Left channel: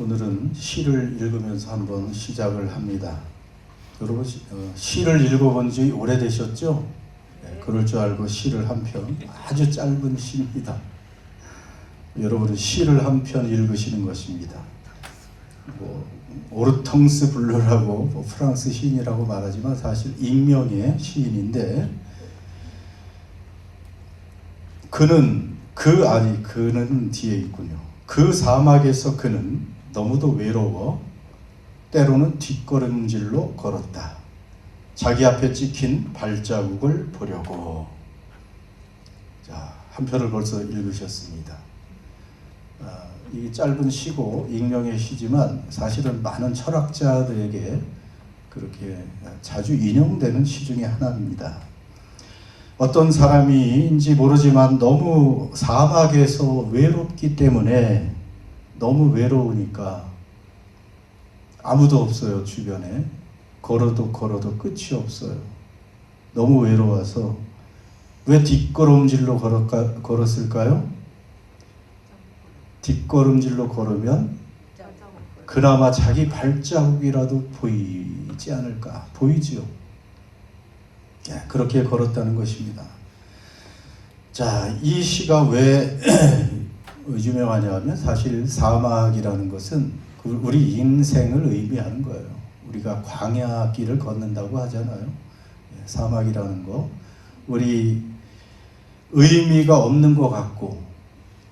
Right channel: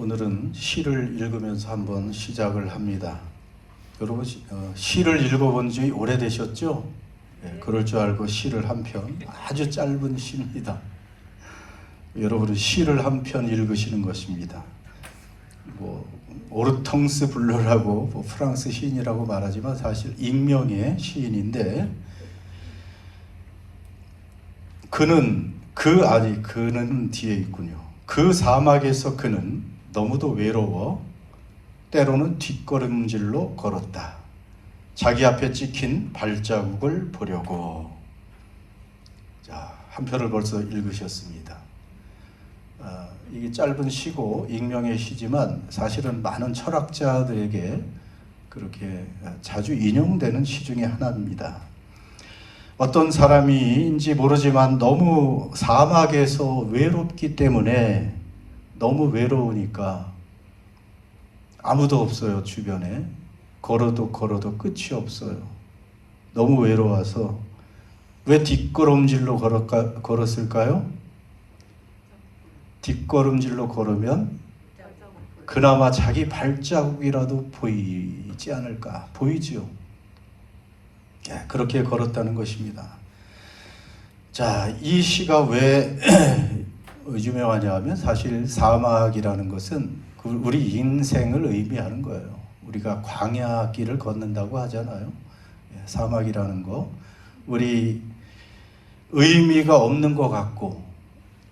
오늘은 시를 읽으면서 한번 시작을 합니다. 여러분 시를 읽어본 지 오래되셨죠? 네, 그럴 줄 알고 시를 한 편, 아주 짧은 시입니다. 여러분은 시를 한 편 읽으시는 것입니다. 오르텅스 블루라고 프랑스 시인이라고 말하지만 사실 익명의 시인인데, 그는 뒤에 있군요. 그 사막에서 그는 너무도 외로워 때로는 뒷걸음질로 걸었다. 자기 앞에 찍힌 발자국을 보려고. 자, 한 편을 벌써 읽으셨습니다. 이 짧은 시고 익명의 시지만 사실은 많은 철학자들에게 그렇게 자주 인용되는 시 중에 하나입니다. 어떤 사람인지 모르지만 너무 사막에서 외롭기 때문에, 너무 외로우니까 아무도 없어요. 주변에 걸어도 끝이 없어요. 너무 외로워서 왜 뒷걸음질로 걸었을까요? 뒷걸음질로 걸으면 그나마 자기 발자국이라도 보이지 않을까. 보이지요. 그렇게 걸었다는 것입니다. 자, 이 시가 왜 유명하냐 하면, 사실 사막이라는 것은 우리 인생을 의미하는 거예요. 우리가 광야길을 걷는다고 하잖아요. 사막이라는 거, 우리 의미가 없는 것 같고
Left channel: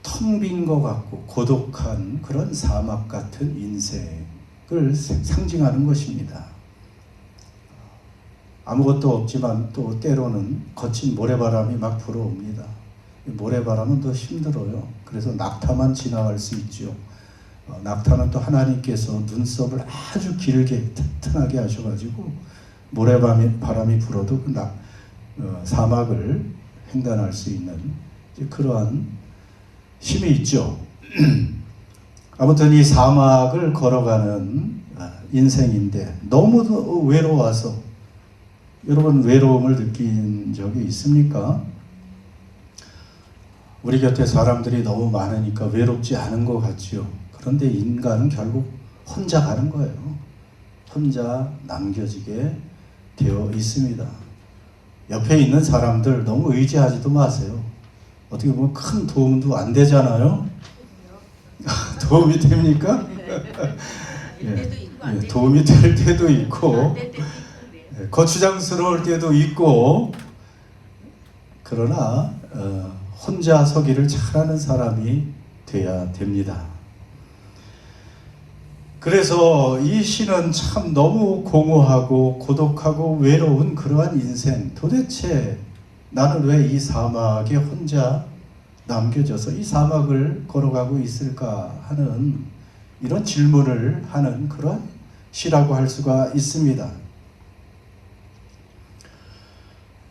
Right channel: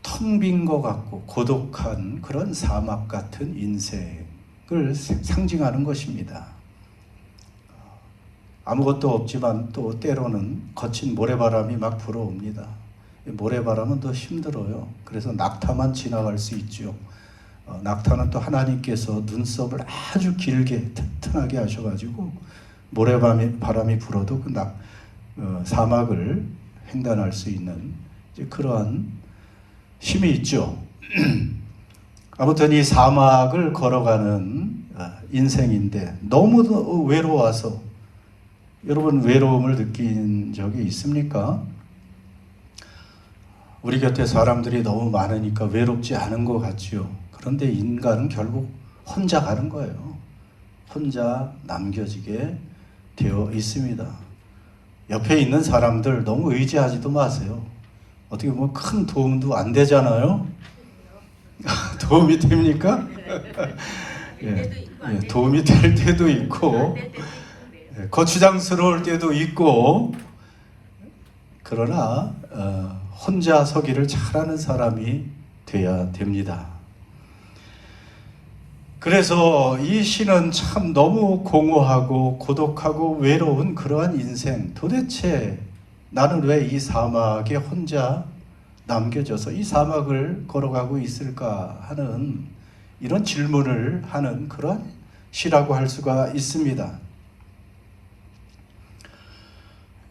텅 빈 것 같고 고독한 그런 사막 같은 인생을 상징하는 것입니다. 아무것도 없지만 또 때로는 거친 모래바람이 막 불어옵니다. 모래바람은 더 힘들어요. 그래서 낙타만 지나갈 수 있죠. 낙타는 또 하나님께서 눈썹을 아주 길게 튼튼하게 하셔가지고 모래바람이 불어도 그 사막을 횡단할 수 있는 그러한 힘이 있죠. 아무튼 이 사막을 걸어가는 인생인데 너무 외로워서, 여러분 외로움을 느낀 적이 있습니까? 우리 곁에 사람들이 너무 많으니까 외롭지 않은 것 같지요. 그런데 인간은 결국 혼자 가는 거예요. 혼자 남겨지게 되어 있습니다. 옆에 있는 사람들 너무 의지하지도 마세요. 어떻게 보면 큰 도움도 안 되잖아요. 도움이 됩니까? 도움이 될 때도 있고 거추장스러울 때도 있고, 그러나 혼자 서기를 잘하는 사람이 돼야 됩니다. 그래서 이 시는 참 너무 공허하고 고독하고 외로운 그러한 인생, 도대체 나는 왜 이 사막에 혼자 남겨져서 이 사막을 걸어가고 있을까 하는 이런 질문을 하는 그런 시라고 할 수가 있습니다.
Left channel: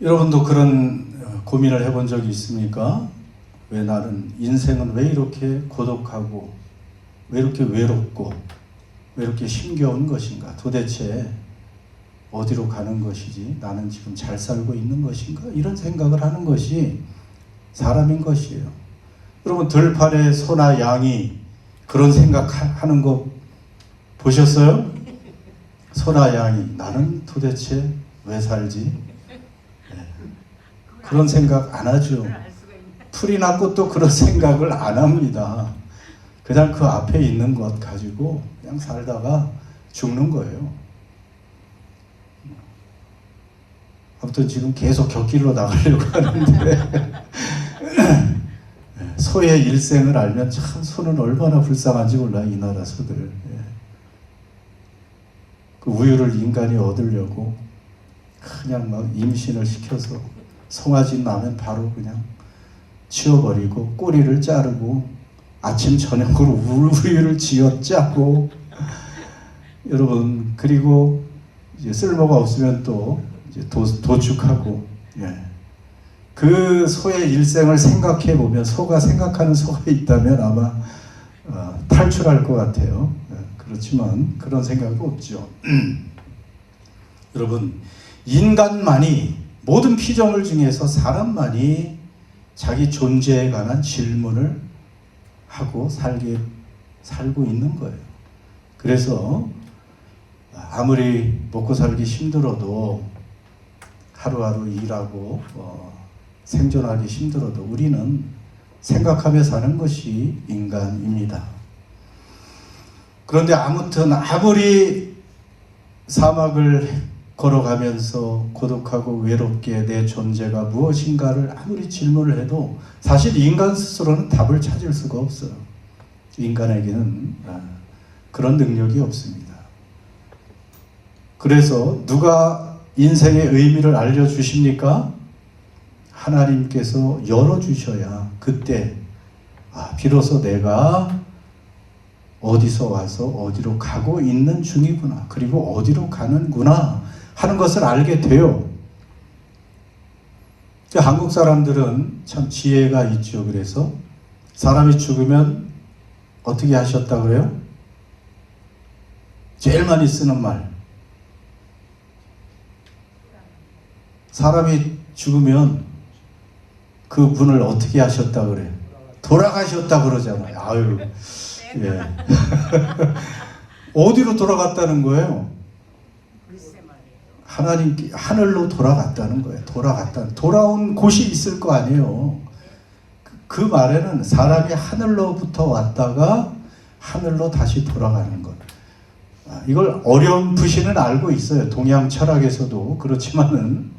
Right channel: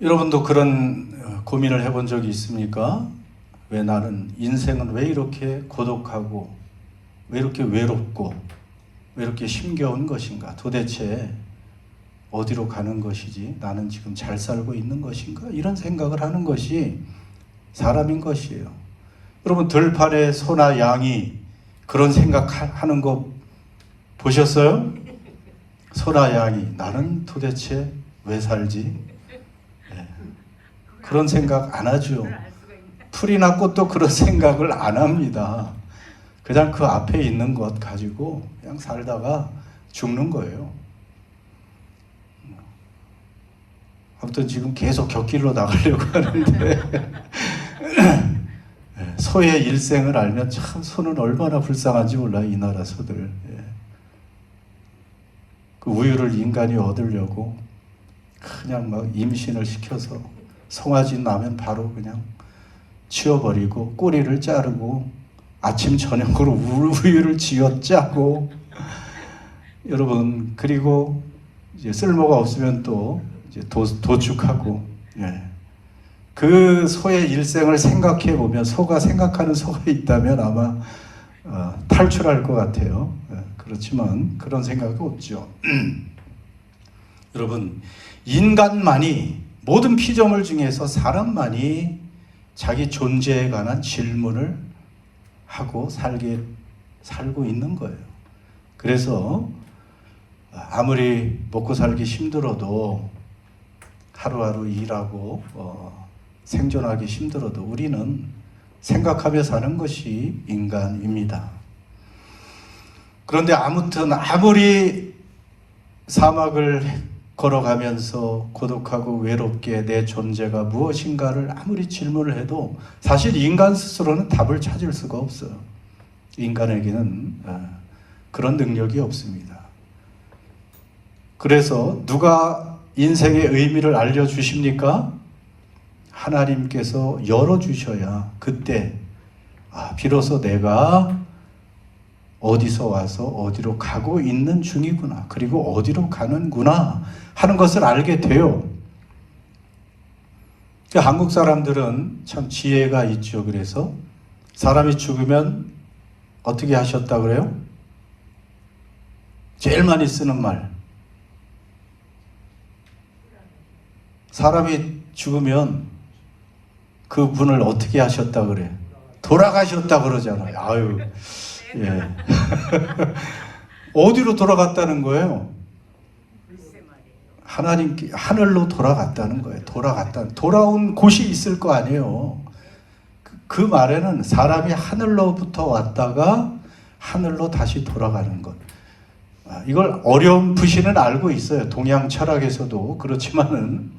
여러분도 그런 고민을 해본 적이 있습니까? 왜 나는, 인생은 왜 이렇게 고독하고 왜 이렇게 외롭고 왜 이렇게 힘겨운 것인가? 도대체 어디로 가는 것이지? 나는 지금 잘 살고 있는 것인가? 이런 생각을 하는 것이 사람인 것이에요. 여러분, 들판에 소나 양이 그런 생각하는 거 보셨어요? 소나 양이 나는 도대체 왜 살지? 그런 생각 안 하죠. 풀이나 꽃도 그런 생각을 안 합니다. 그냥 그 앞에 있는 것 가지고 그냥 살다가 죽는 거예요. 아무튼 지금 계속 곁길로 나가려고 하는데 소의 일생을 알면 참 소는 얼마나 불쌍한지 몰라요. 이 나라 소들. 그 우유를 인간이 얻으려고 그냥 막 임신을 시켜서 송아지 나면 바로 그냥 치워버리고 꼬리를 자르고 아침 저녁으로 우유를 쥐어짜고, 여러분, 그리고 이제 쓸모가 없으면 또 이제 도축하고. 그 소의 일생을 생각해 보면, 소가 생각하는 소가 있다면 아마 탈출할 것 같아요. 그렇지만 그런 생각은 없죠. 여러분, 인간만이, 모든 피조물 중에서 사람만이 자기 존재에 관한 질문을 하고 살고 있는 거예요. 그래서 아무리 먹고 살기 힘들어도 하루하루 일하고 생존하기 힘들어도 우리는 생각하며 사는 것이 인간입니다. 그런데 아무튼 아무리 사막을 걸어가면서 고독하고 외롭게 내 존재가 무엇인가를 아무리 질문을 해도 사실 인간 스스로는 답을 찾을 수가 없어요. 인간에게는 그런 능력이 없습니다. 그래서 누가 인생의 의미를 알려주십니까? 하나님께서 열어주셔야 그때 비로소 내가 어디서 와서 어디로 가고 있는 중이구나, 그리고 어디로 가는구나 하는 것을 알게 돼요. 한국 사람들은 참 지혜가 있죠. 그래서 사람이 죽으면 어떻게 하셨다 그래요? 제일 많이 쓰는 말. 사람이 죽으면 그 분을 어떻게 하셨다 그래요? 돌아가셨다 그러잖아요. 아유, 예. 어디로 돌아갔다는 거예요? 하나님께 하늘로 돌아갔다는 거예요. 돌아온 곳이 있을 거 아니에요. 그 말에는 사람이 하늘로부터 왔다가 하늘로 다시 돌아가는 것. 이걸 어렴풋이는 알고 있어요. 동양 철학에서도. 그렇지만은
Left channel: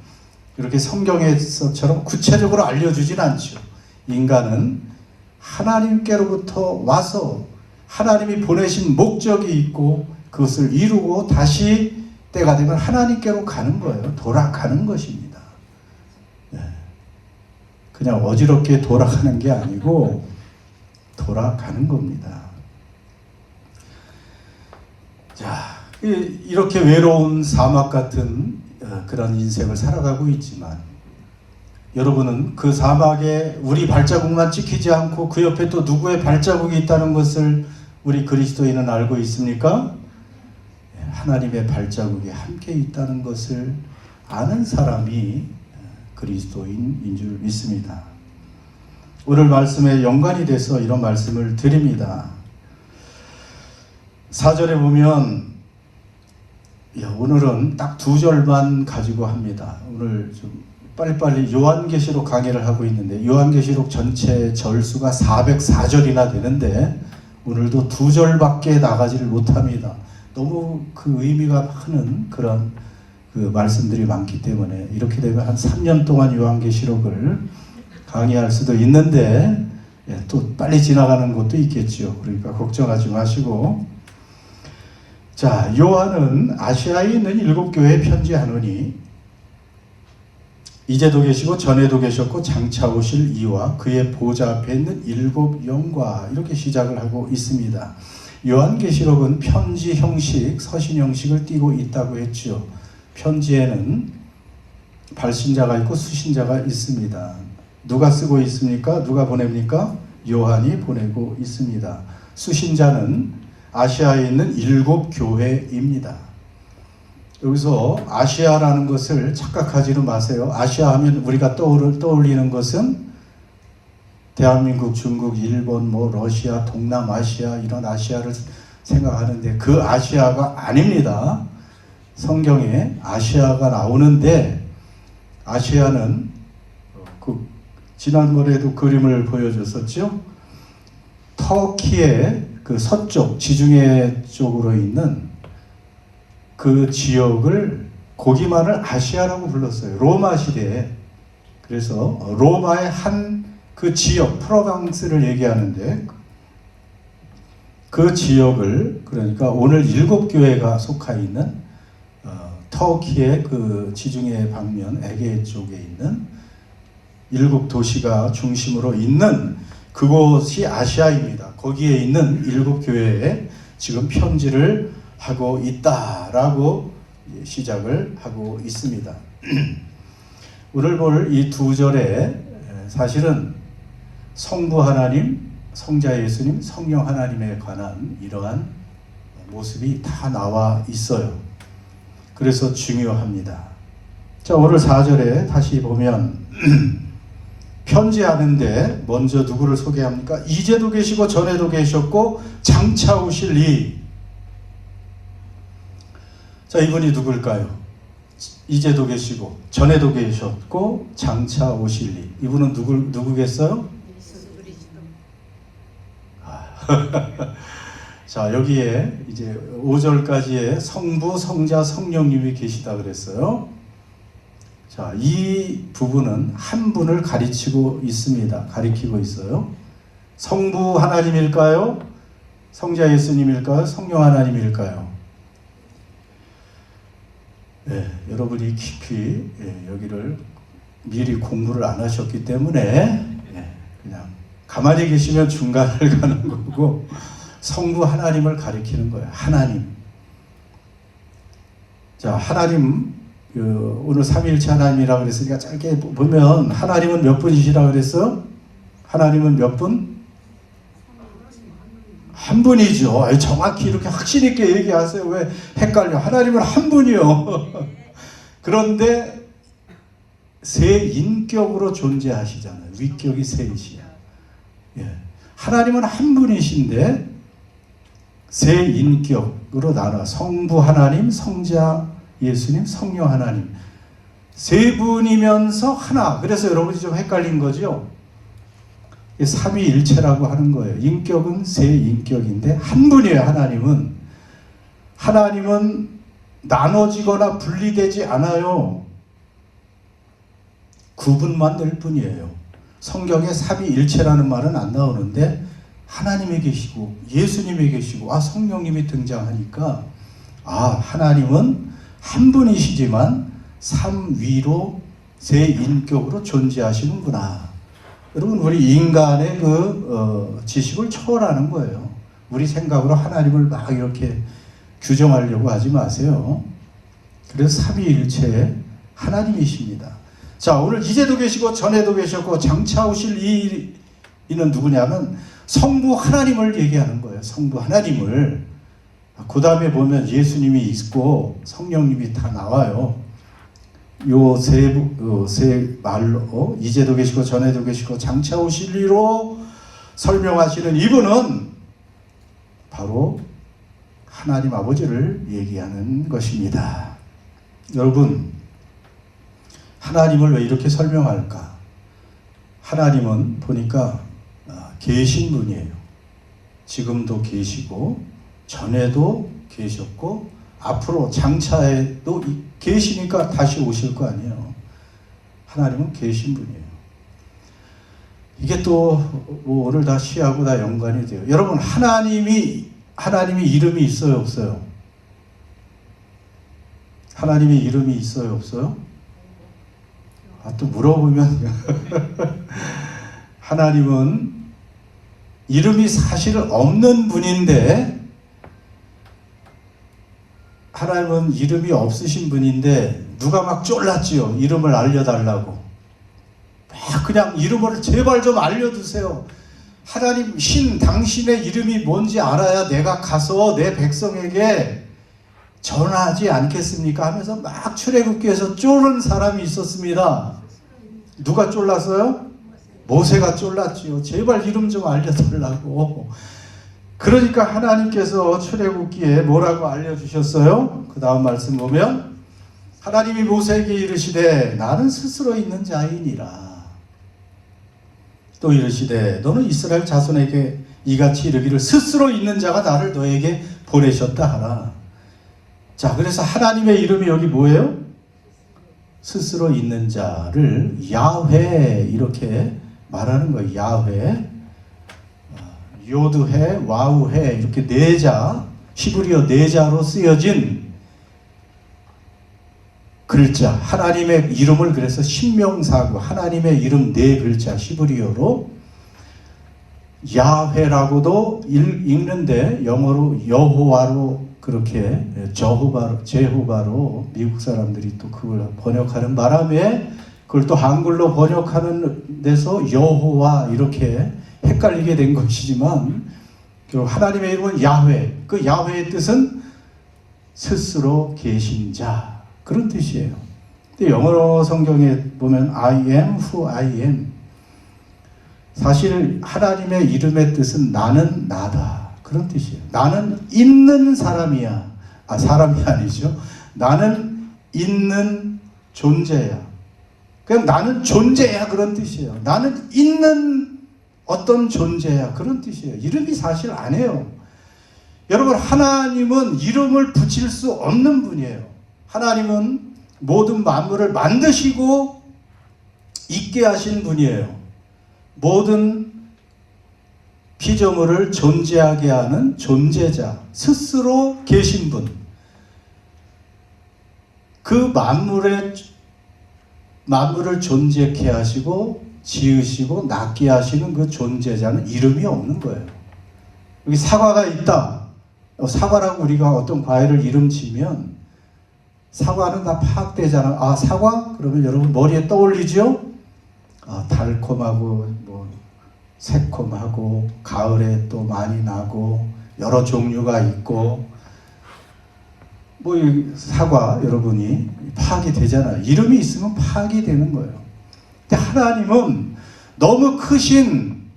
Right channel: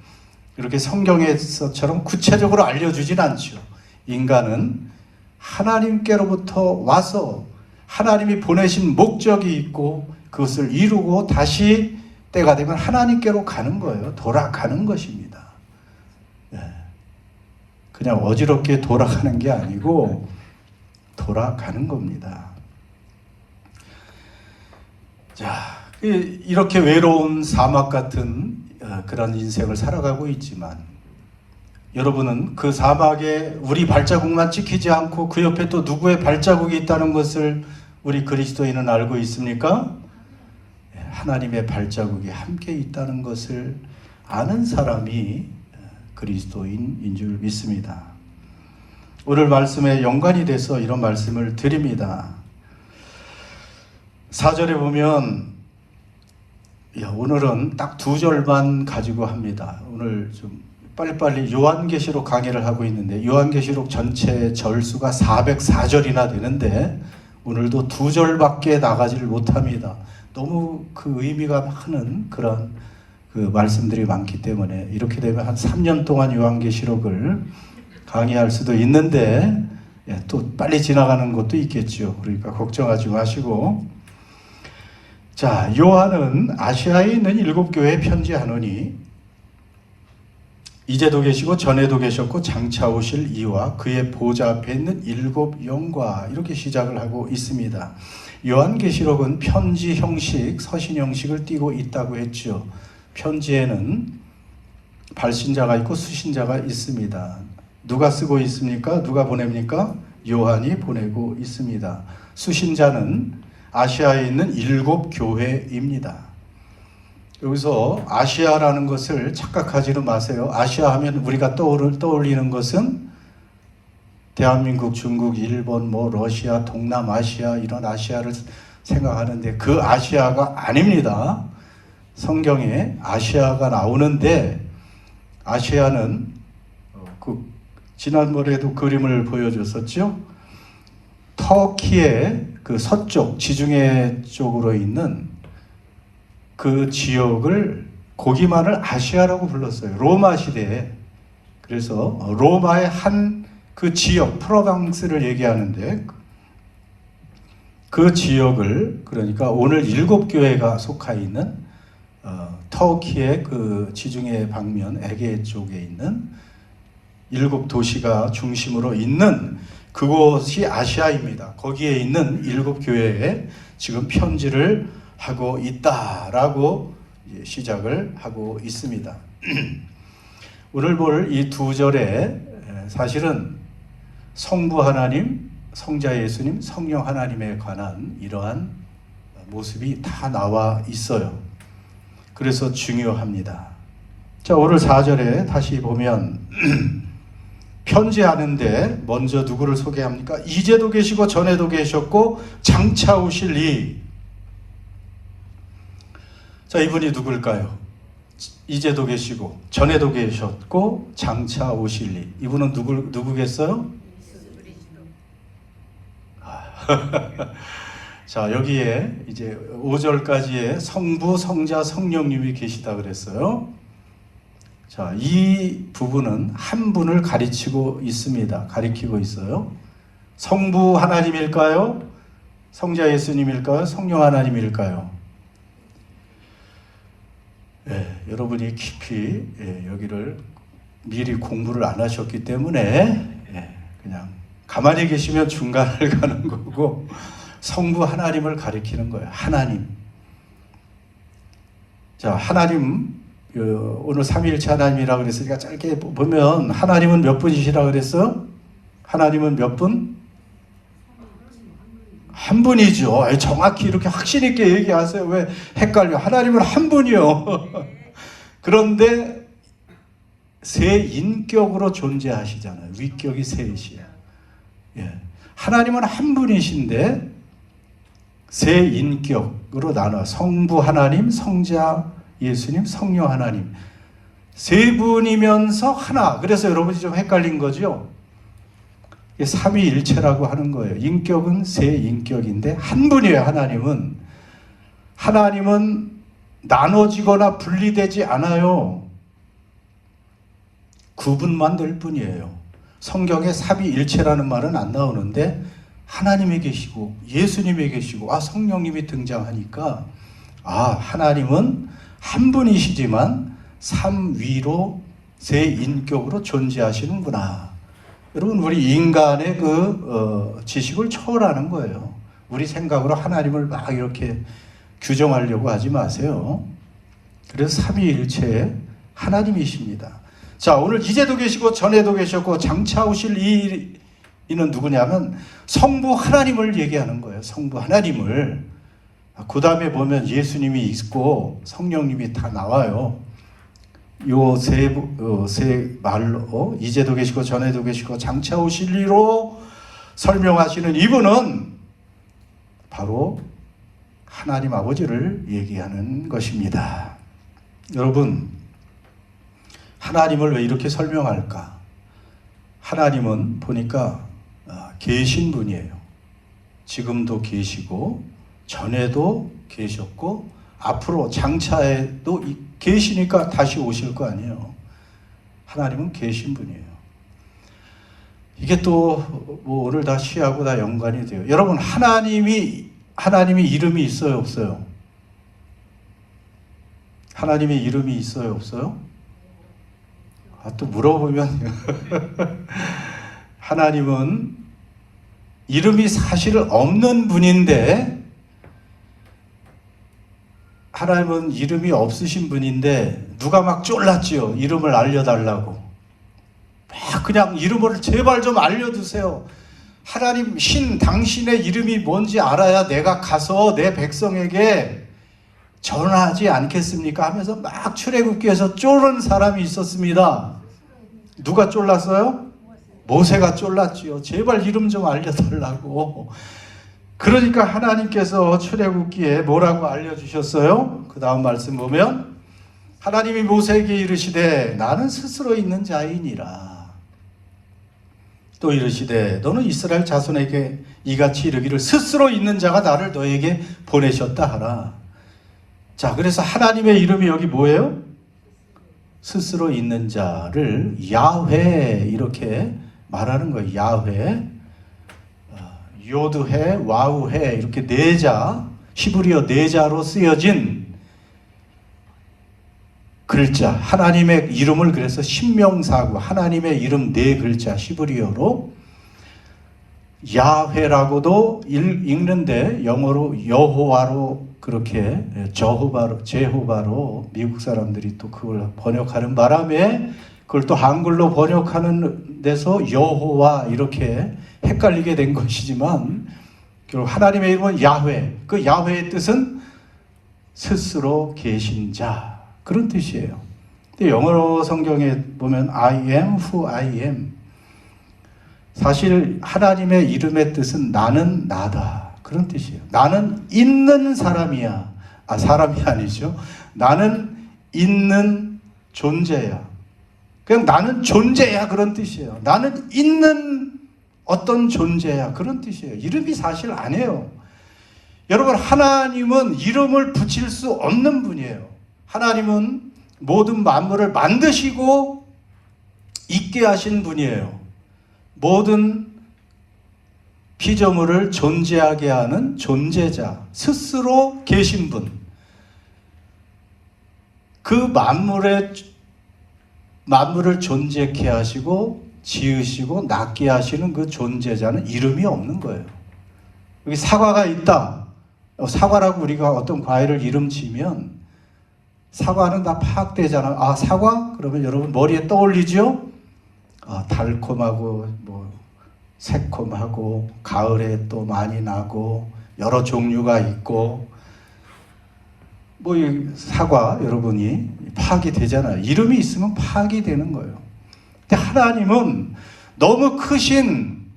이렇게 성경에서처럼 구체적으로 알려주진 않죠. 인간은 하나님께로부터 와서 하나님이 보내신 목적이 있고 그것을 이루고 다시 때가 되면 하나님께로 가는 거예요. 돌아가는 것입니다. 그냥 어지럽게 돌아가는 게 아니고 돌아가는 겁니다. 자, 이렇게 외로운 사막 같은 그런 인생을 살아가고 있지만 여러분은 그 사막에 우리 발자국만 찍히지 않고 그 옆에 또 누구의 발자국이 있다는 것을 우리 그리스도인은 알고 있습니까? 하나님의 발자국이 함께 있다는 것을 아는 사람이 그리스도인인 줄 믿습니다. 오늘 말씀에 연관이 돼서 이런 말씀을 드립니다. 4절에 보면 오늘은 딱 2절만 가지고 합니다. 오늘 좀 빨리빨리 요한계시록 강의를 하고 있는데 요한계시록 전체 절수가 404절이나 되는데 오늘도 2절밖에 나가지를 못합니다. 너무 그 의미가 많은 그런 그 말씀들이 많기 때문에 이렇게 되면 한 3년 동안 요한계시록을 강의할 수도 있는데 또 빨리 지나가는 것도 있겠죠. 그러니까 걱정하지 마시고, 자, 요한은 아시아에 있는 7교회에 편지하노니 이제도 계시고 전에도 계셨고 장차 오실 이와 그의 보좌 앞에 있는 7 영과 이렇게 시작을 하고 있습니다. 요한계시록은 편지 형식, 서신 형식을 띠고 있다고 했죠. 편지에는 발신자가 있고 수신자가 있습니다. 누가 쓰고 있습니까? 누가 보냅니까? 요한이 보내고 있습니다. 수신자는 아시아에 있는 7 교회입니다. 여기서 아시아라는 것을 착각하지는 마세요. 아시아 하면 우리가 떠올리는 것은 대한민국, 중국, 일본, 러시아, 동남아시아 이런 아시아를 생각하는데 그 아시아가 아닙니다. 성경에 아시아가 나오는데 아시아는 지난번에도 그림을 보여줬었죠. 터키의 그 서쪽 지중해 쪽으로 있는 그 지역을 거기만을 아시아라고 불렀어요. 로마 시대에. 그래서 로마의 한 그 지역 프로방스를 얘기하는데 그 지역을, 그러니까 오늘 7 교회가 속하 있는 터키의 그 지중해 방면 에게 쪽에 있는 7 도시가 중심으로 있는 그곳이 아시아입니다. 거기에 있는 7 교회에 지금 편지를 하고 있다라고 시작을 하고 있습니다. 오늘 볼 이 2절에 사실은 성부 하나님, 성자 예수님, 성령 하나님에 관한 이러한 모습이 다 나와 있어요. 그래서 중요합니다. 자, 오늘 4절에 다시 보면 편지하는데 먼저 누구를 소개합니까? 이제도 계시고 전에도 계셨고 장차 오실 이, 자, 이분이 누굴까요? 이제도 계시고 전에도 계셨고 장차 오실 이분은 누구겠어요? 자, 여기에 이제 5절까지의 성부, 성자, 성령님이 계시다 그랬어요. 자, 이 부분은 한 분을 가리키고 있어요. 성부 하나님일까요? 성자 예수님일까요? 성령 하나님일까요? 여러분이 깊이 여기를 미리 공부를 안 하셨기 때문에 그냥 가만히 계시면 중간을 가는 거고, 성부 하나님을 가리키는 거예요. 하나님. 자, 하나님, 오늘 삼위일체 하나님이라고 그랬으니까 짧게 보면 하나님은 몇 분이시라고 그랬어? 하나님은 몇 분? 한 분이죠. 정확히 이렇게 확신 있게 얘기하세요. 왜 헷갈려? 하나님은 한 분이요. 그런데 세 인격으로 존재하시잖아요. 위격이 셋이야. 하나님은 한 분이신데 세 인격으로 나눠 성부 하나님, 성자 예수님, 성령 하나님 세 분이면서 하나. 그래서 여러분이 좀 헷갈린 거죠. 삼위일체라고 하는 거예요. 인격은 세 인격인데 한 분이에요. 하나님은 나눠지거나 분리되지 않아요. 구분만 될 뿐이에요. 성경에 삼위일체라는 말은 안 나오는데 하나님이 계시고 예수님이 계시고 성령님이 등장하니까 하나님은 한 분이시지만 삼위로 세 인격으로 존재하시는구나. 여러분, 우리 인간의 지식을 초월하는 거예요. 우리 생각으로 하나님을 막 이렇게 규정하려고 하지 마세요. 그래서 삼위일체 하나님이십니다. 자, 오늘 이제도 계시고 전에도 계셨고 장차 오실 이는 누구냐면 성부 하나님을 얘기하는 거예요. 성부 하나님을. 그 다음에 보면 예수님이 있고 성령님이 다 나와요. 요 세 말로 이제도 계시고 전에도 계시고 장차 오실 이로 설명하시는 이분은 바로 하나님 아버지를 얘기하는 것입니다. 여러분, 하나님을 왜 이렇게 설명할까? 하나님은 보니까 계신 분이에요. 지금도 계시고 전에도 계셨고 앞으로 장차에도 계시니까 다시 오실 거 아니에요. 하나님은 계신 분이에요. 이게 또 오늘 다 시하고 다 연관이 돼요. 여러분, 하나님이 이름이 있어요, 없어요? 하나님의 이름이 있어요, 없어요? 또 물어보면 하나님은 이름이 사실 없는 분인데, 하나님은 이름이 없으신 분인데 누가 막 쫄랐지요. 이름을 알려달라고. 막 그냥 이름을 제발 좀 알려주세요. 하나님, 당신의 이름이 뭔지 알아야 내가 가서 내 백성에게 전하지 않겠습니까? 하면서 막 출애굽기에서 쫄은 사람이 있었습니다. 누가 쫄랐어요? 모세가 쫄랐지요. 제발 이름 좀 알려달라고. 그러니까 하나님께서 출애굽기에 뭐라고 알려주셨어요? 그 다음 말씀 보면 하나님이 모세에게 이르시되 나는 스스로 있는 자이니라. 또 이르시되 너는 이스라엘 자손에게 이같이 이르기를 스스로 있는 자가 나를 너에게 보내셨다 하라. 자, 그래서 하나님의 이름이 여기 뭐예요? 스스로 있는 자를 야훼 이렇게 말하는 거예요. 야훼, 요드해, 와우해 이렇게 네 자, 히브리어 네 자로 쓰여진 글자, 하나님의 이름을 그래서 신명사고 하나님의 이름 네 글자 히브리어로 야훼라고도 읽는데 영어로 여호와로 그렇게 제호바로 미국 사람들이 또 그걸 번역하는 바람에 그걸 또 한글로 번역하는 데서 여호와 이렇게 헷갈리게 된 것이지만 결국 하나님의 이름은 야훼. 그 야훼의 뜻은 스스로 계신 자, 그런 뜻이에요. 근데 영어 성경에 보면 I am who I am. 사실 하나님의 이름의 뜻은 나는 나다, 그런 뜻이에요. 나는 있는 사람이야. 사람이 아니죠. 나는 있는 존재야. 그냥 나는 존재야 그런 뜻이에요. 나는 있는 어떤 존재야 그런 뜻이에요. 이름이 사실 아니에요. 여러분, 하나님은 이름을 붙일 수 없는 분이에요. 하나님은 모든 만물을 만드시고 있게 하신 분이에요. 모든 피조물을 존재하게 하는 존재자, 스스로 계신 분. 그 만물을 존재케 하시고 지으시고 낫게 하시는 그 존재자는 이름이 없는 거예요. 여기 사과가 있다. 사과라고 우리가 어떤 과일을 이름 지면 사과는 다 파악되잖아요. 아, 사과? 그러면 여러분 머리에 떠올리죠? 달콤하고 새콤하고 가을에 또 많이 나고 여러 종류가 있고 이 사과 여러분이 파악이 되잖아요. 이름이 있으면 파악이 되는 거예요. 근데 하나님은 너무 크신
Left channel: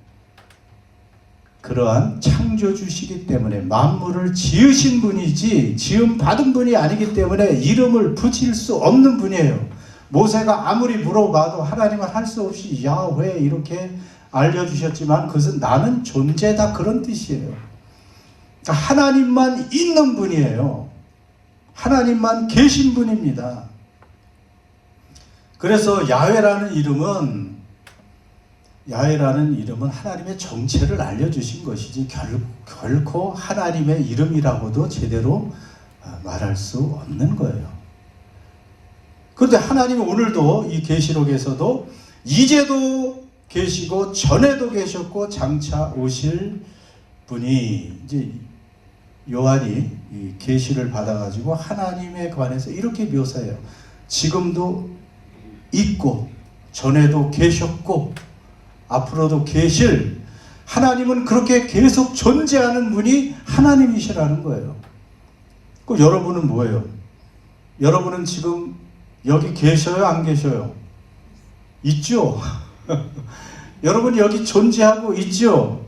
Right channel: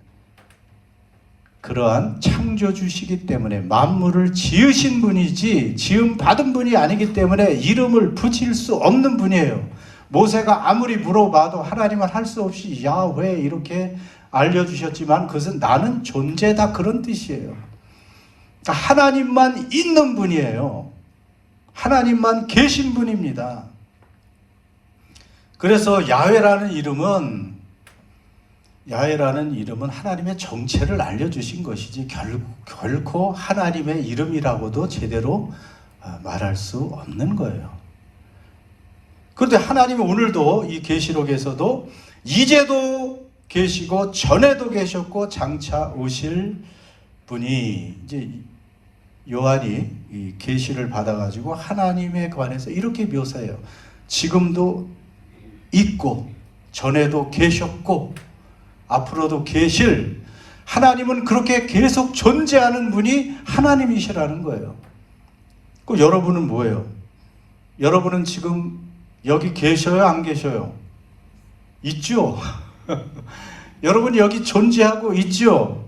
그러한 창조주시기 때문에 만물을 지으신 분이지 지음 받은 분이 아니기 때문에 이름을 붙일 수 없는 분이에요. 모세가 아무리 물어봐도 하나님은 할 수 없이 야훼 이렇게 알려주셨지만 그것은 나는 존재다 그런 뜻이에요. 하나님만 있는 분이에요. 하나님만 계신 분입니다. 그래서 야훼라는 이름은 하나님의 정체를 알려주신 것이지 결코 하나님의 이름이라고도 제대로 말할 수 없는 거예요. 그런데 하나님은 오늘도 이 계시록에서도 이제도 계시고 전에도 계셨고 장차 오실 분이 이제 요한이 이 계시를 받아가지고 하나님에 관해서 이렇게 묘사해요. 지금도 있고 전에도 계셨고 앞으로도 계실 하나님은 그렇게 계속 존재하는 분이 하나님이시라는 거예요. 그 여러분은 뭐예요? 여러분은 지금 여기 계셔요? 안 계셔요? 있죠? 여러분이 여기 존재하고 있죠?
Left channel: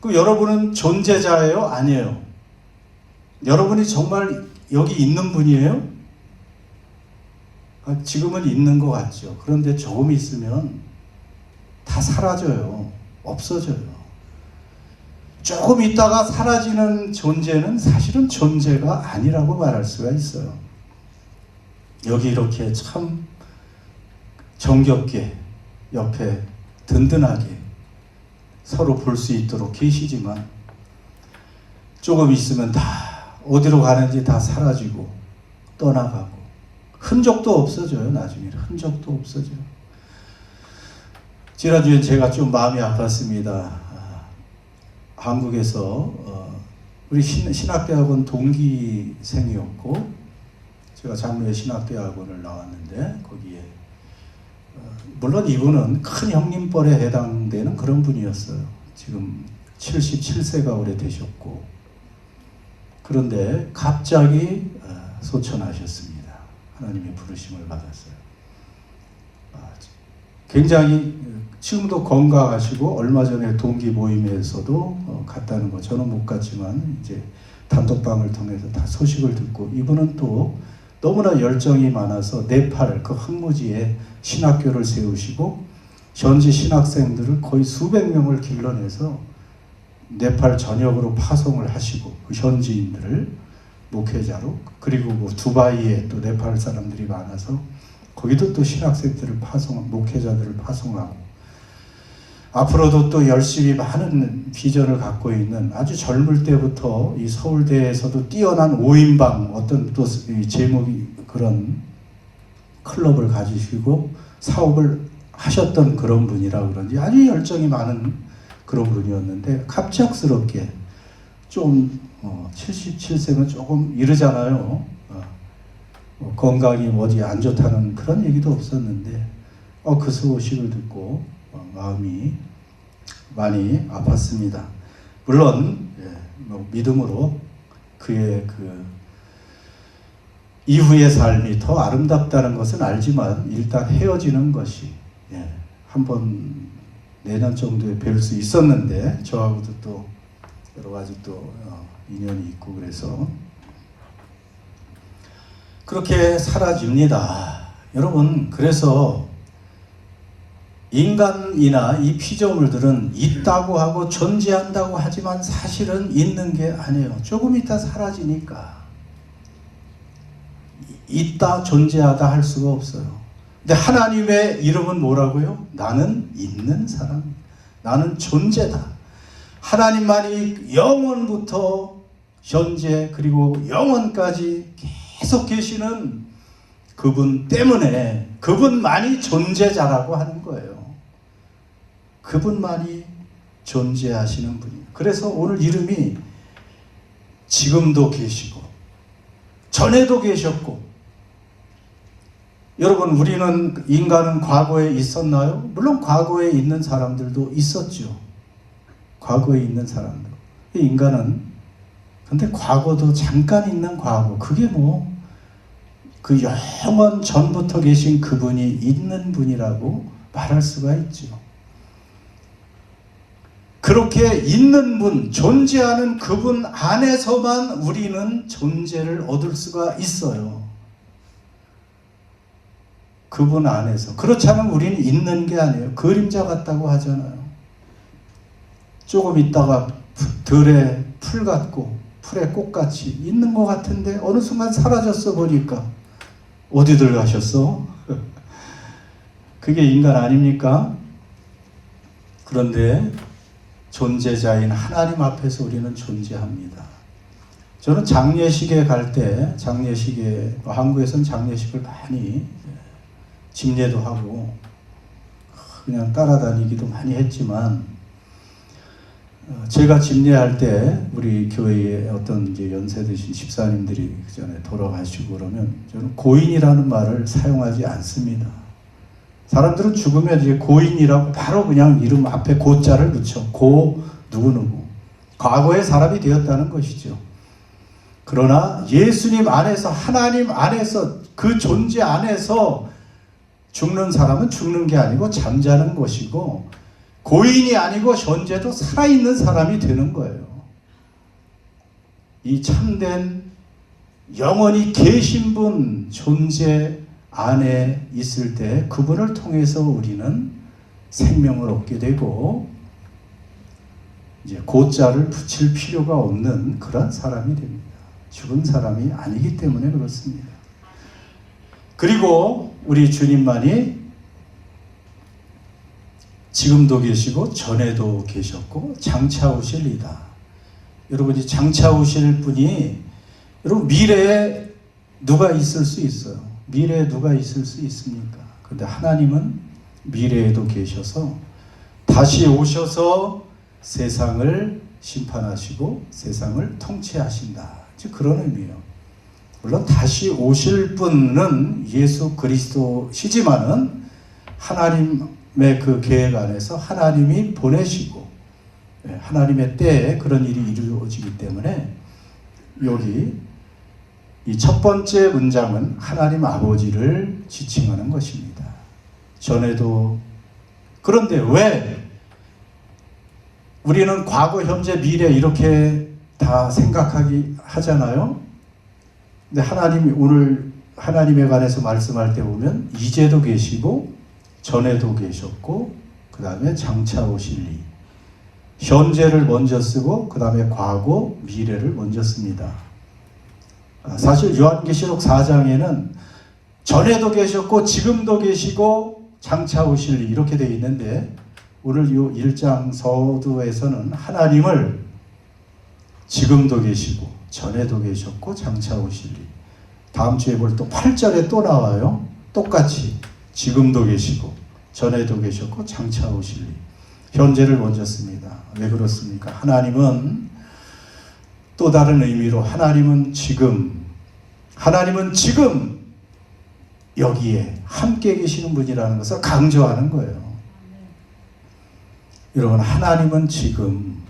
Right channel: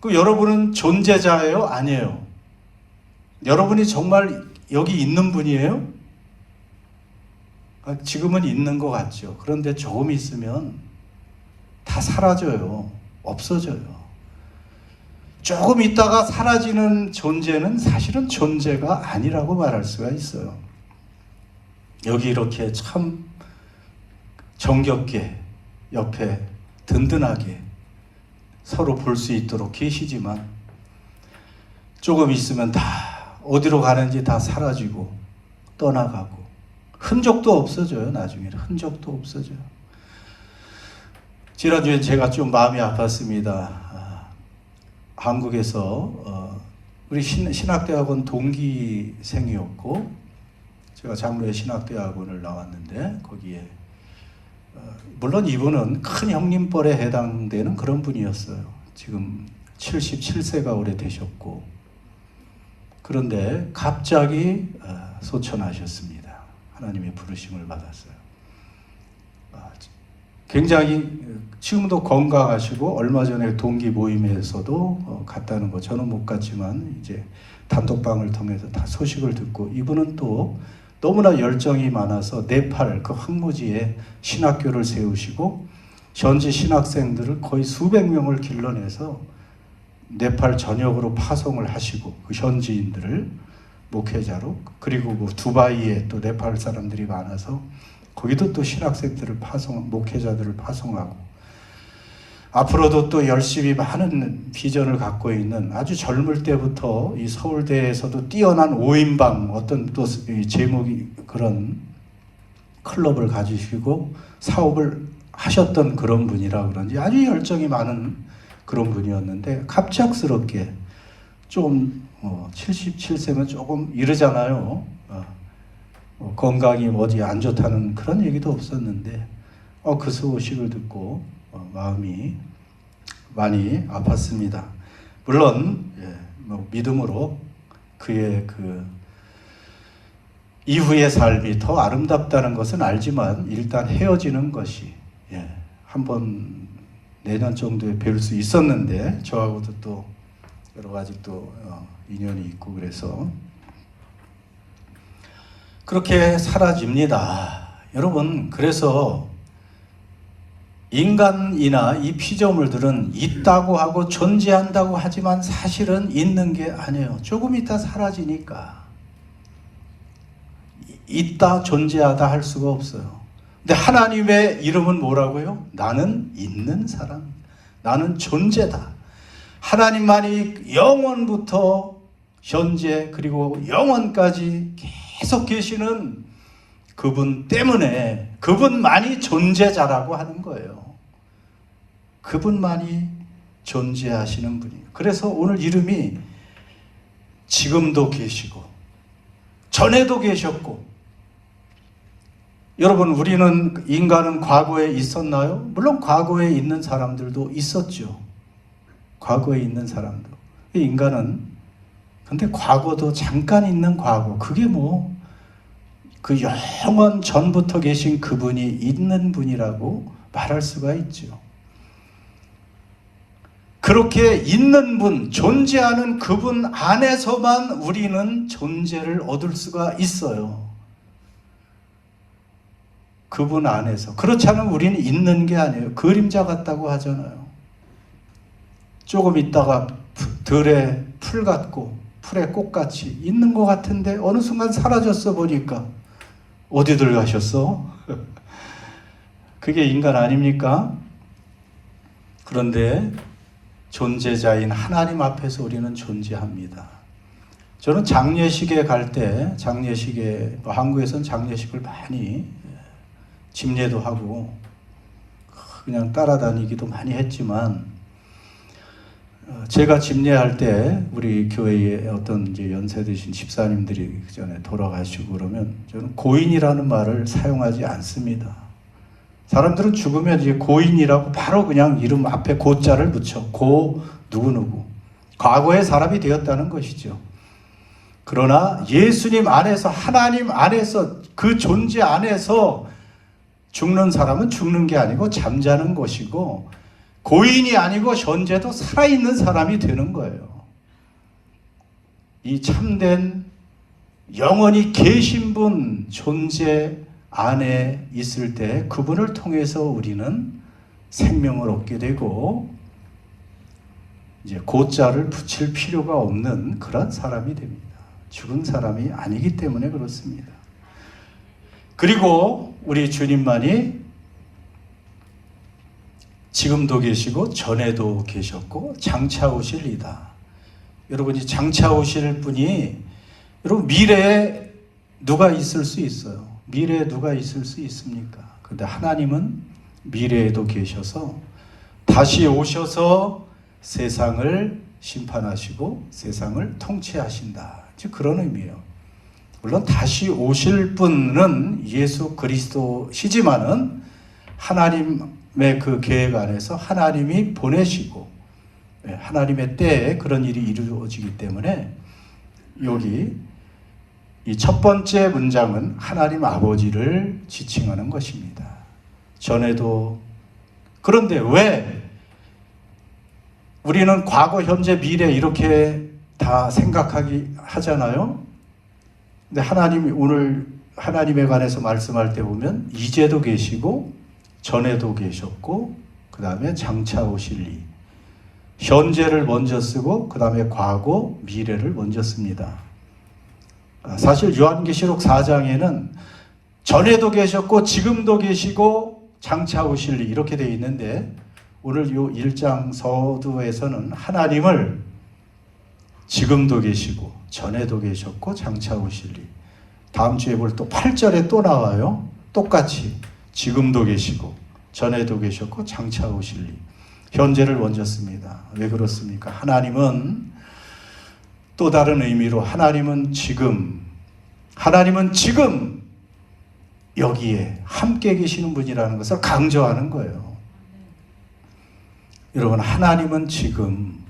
그 여러분은 존재자예요? 아니에요? 여러분이 정말 여기 있는 분이에요? 지금은 있는 것 같죠. 그런데 조금 있으면 다 사라져요. 없어져요. 조금 있다가 사라지는 존재는 사실은 존재가 아니라고 말할 수가 있어요. 여기 이렇게 참 정겹게 옆에 든든하게 서로 볼 수 있도록 계시지만 조금 있으면 다 어디로 가는지 다 사라지고 떠나가고 흔적도 없어져요. 나중에는 흔적도 없어져요. 지난주에 제가 좀 마음이 아팠습니다. 한국에서 우리 신학대학원 동기생이었고 제가 장로의 신학대학원을 나왔는데 거기에 물론 이분은 큰 형님뻘에 해당되는 그런 분이었어요. 지금 77세가 올해 되셨고 그런데 갑자기 소천하셨습니다. 하나님의 부르심을 받았어요. 굉장히 지금도 건강하시고 얼마 전에 동기 모임에서도 갔다는 거 저는 못 갔지만 이제 단톡방을 통해서 다 소식을 듣고 이분은 또 너무나 열정이 많아서 네팔 그 황무지에 신학교를 세우시고 현지 신학생들을 거의 수백 명을 길러내서 네팔 전역으로 파송을 하시고 그 현지인들을 목회자로 그리고 두바이에 또 네팔 사람들이 많아서 거기도 또 신학생들을 목회자들을 파송하고 앞으로도 또 열심히 많은 비전을 갖고 있는 아주 젊을 때부터 이 서울대에서도 뛰어난 5인방 어떤 또 제목이 그런 클럽을 가지시고 사업을 하셨던 그런 분이라 그런지 아주 열정이 많은 그런 분이었는데 갑작스럽게 좀 77세면 조금 이르잖아요. 건강이 어디 안 좋다는 그런 얘기도 없었는데 그 소식을 듣고 마음이 많이 아팠습니다. 물론 믿음으로 그의 그 이후의 삶이 더 아름답다는 것은 알지만 일단 헤어지는 것이 한번 내년 정도에 뵐 수 있었는데 저하고도 또 여러 가지 또 인연이 있고 그래서 그렇게 사라집니다. 여러분, 그래서 인간이나 이 피조물들은 있다고 하고 존재한다고 하지만 사실은 있는 게 아니에요. 조금 있다 사라지니까. 있다, 존재하다 할 수가 없어요. 근데 하나님의 이름은 뭐라고요? 나는 있는 사람, 나는 존재다. 하나님만이 영원부터 현재 그리고 영원까지 계속 계시는 그분 때문에 그분만이 존재자라고 하는 거예요. 그분만이 존재하시는 분이에요. 그래서 오늘 이름이 지금도 계시고 전에도 계셨고. 여러분, 우리는 인간은 과거에 있었나요? 물론 과거에 있는 사람들도 있었죠. 과거에 있는 사람도. 인간은 근데 과거도 잠깐 있는 과거, 그게 뭐 그 영원 전부터 계신 그분이 있는 분이라고 말할 수가 있죠. 그렇게 있는 분, 존재하는 그분 안에서만 우리는 존재를 얻을 수가 있어요. 그분 안에서. 그렇지 않으면 우리는 있는 게 아니에요. 그림자 같다고 하잖아요. 조금 있다가 들에 풀 같고 풀의 꽃같이 있는 것 같은데 어느 순간 사라졌어 보니까 어디들 가셨어? 그게 인간 아닙니까? 그런데 존재자인 하나님 앞에서 우리는 존재합니다. 저는 장례식에 갈 때, 한국에서는 장례식을 많이 집례도 하고 그냥 따라다니기도 많이 했지만, 제가 집례할 때 우리 교회에 어떤 이제 연세 드신 집사님들이 그 전에 돌아가시고 그러면 저는 고인이라는 말을 사용하지 않습니다. 사람들은 죽으면 이제 고인이라고 바로 그냥 이름 앞에 고자를 붙여. 고 누구누구. 과거의 사람이 되었다는 것이죠. 그러나 예수님 안에서, 하나님 안에서, 그 존재 안에서 죽는 사람은 죽는 게 아니고 잠자는 것이고, 고인이 아니고 현재도 살아있는 사람이 되는 거예요. 이 참된 영원히 계신 분 존재 안에 있을 때 그분을 통해서 우리는 생명을 얻게 되고 이제 고자를 붙일 필요가 없는 그런 사람이 됩니다. 죽은 사람이 아니기 때문에 그렇습니다. 그리고 우리 주님만이 지금도 계시고 전에도 계셨고 장차 오실이다. 여러분, 이 장차 오실 분이 여러분 미래에 누가 있을 수 있어요? 미래에 누가 있을 수 있습니까? 그런데 하나님은 미래에도 계셔서 다시 오셔서 세상을 심판하시고 세상을 통치하신다. 즉 그런 의미예요. 물론 다시 오실 분은 예수 그리스도시지만은 하나님의 그 계획 안에서 하나님이 보내시고 하나님의 때에 그런 일이 이루어지기 때문에 여기 이 첫 번째 문장은 하나님 아버지를 지칭하는 것입니다. 전에도. 그런데 왜 우리는 과거, 현재, 미래 이렇게 다 생각하기 하잖아요. 근데 하나님이 오늘 하나님에 관해서 말씀할 때 보면 이제도 계시고 전에도 계셨고 그 다음에 장차 오실 이, 현재를 먼저 쓰고 그 다음에 과거, 미래를 먼저 씁니다. 사실 요한계시록 4장에는 전에도 계셨고 지금도 계시고 장차 오실 이 이렇게 되어 있는데, 오늘 요 1장 서두에서는 하나님을 지금도 계시고 전에도 계셨고 장차 오실 이, 다음 주에 볼 또 8절에 또 나와요. 똑같이 지금도 계시고 전에도 계셨고 장차 오실 이, 현재를 먼저 씁니다. 왜 그렇습니까? 하나님은 또 다른 의미로 하나님은 지금 여기에 함께 계시는 분이라는 것을 강조하는 거예요. 여러분, 하나님은 지금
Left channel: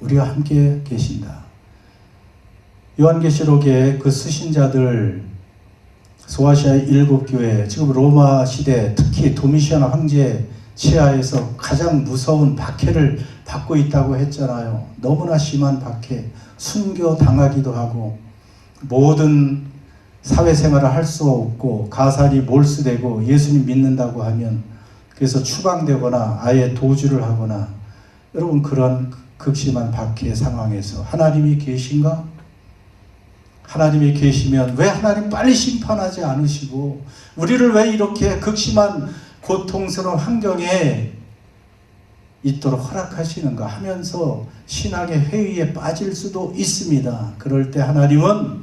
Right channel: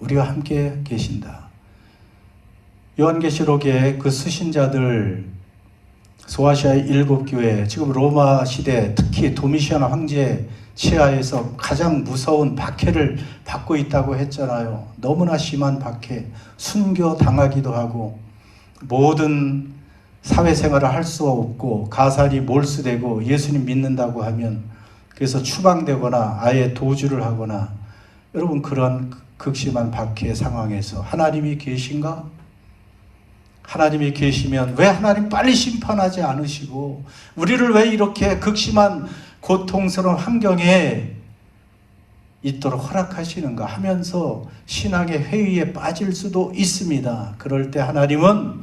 우리와 함께 계신다. 요한계시록에 그 수신자들, 소아시아의 7교회, 지금 로마 시대 특히 도미시안 황제 치하에서 가장 무서운 박해를 받고 있다고 했잖아요. 너무나 심한 박해, 순교 당하기도 하고 모든 사회생활을 할 수 없고 가살이 몰수되고 예수님 믿는다고 하면 그래서 추방되거나 아예 도주를 하거나 여러분 그런 극심한 박해 상황에서 하나님이 계신가? 하나님이 계시면 왜 하나님 빨리 심판하지 않으시고 우리를 왜 이렇게 극심한 고통스러운 환경에 있도록 허락하시는가 하면서 신앙의 회의에 빠질 수도 있습니다. 그럴 때 하나님은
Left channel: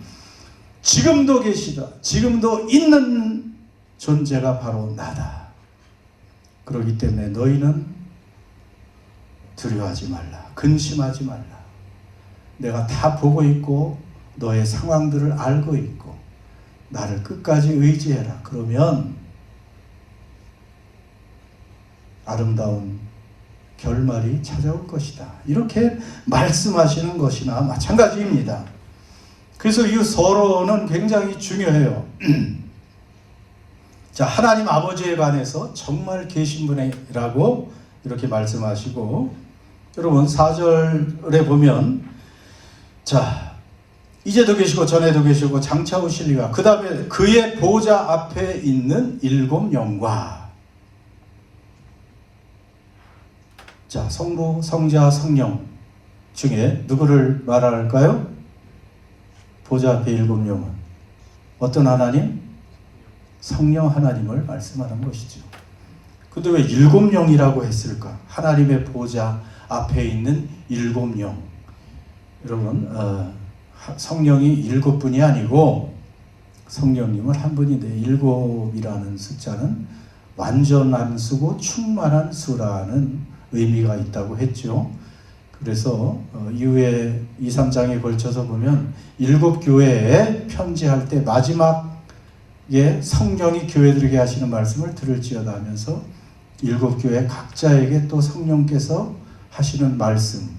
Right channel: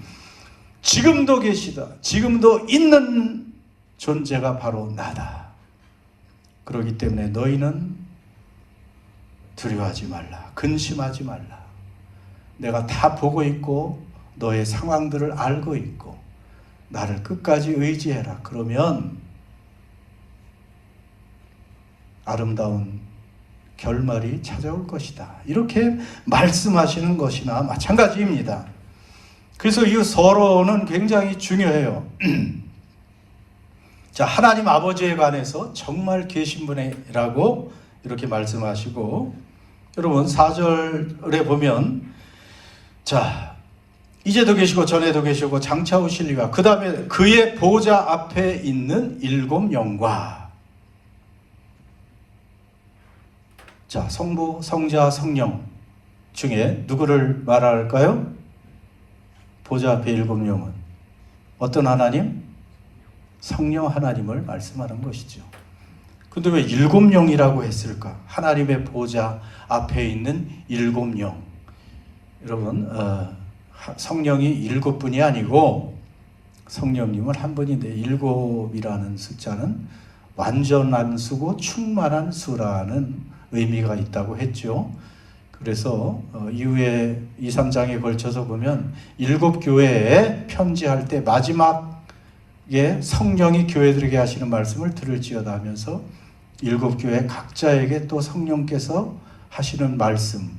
지금도 계시다. 지금도 있는 존재가 바로 나다. 그렇기 때문에 너희는 두려워하지 말라. 근심하지 말라. 내가 다 보고 있고 너의 상황들을 알고 있고 나를 끝까지 의지해라. 그러면 아름다운 결말이 찾아올 것이다. 이렇게 말씀하시는 것이나 마찬가지입니다. 그래서 이 서론은 굉장히 중요해요. 자, 하나님 아버지에 관해서 정말 계신 분이라고 이렇게 말씀하시고 여러분 4절에 보면 자, 이제도 계시고 전에도 계시고 장차 오실리와 그 다음에 그의 보좌 앞에 있는 7 영과 자, 성부, 성자, 성령 중에 누구를 말할까요? 보좌 앞에 7 영은 어떤 하나님? 성령 하나님을 말씀하는 것이죠. 근데 왜 7 영이라고 했을까? 하나님의 보좌 앞에 있는 7 영. 여러분 성령이 7분이 아니고 성령님은 한 분인데 7이라는 숫자는 완전한 수고 충만한 수라는 의미가 있다고 했죠. 그래서 이후에 2, 3장에 걸쳐서 보면 7 교회에 편지할 때 마지막에 성령이 교회들에게 하시는 말씀을 들을지어다 하면서 7 교회 각자에게 또 성령께서 하시는 말씀.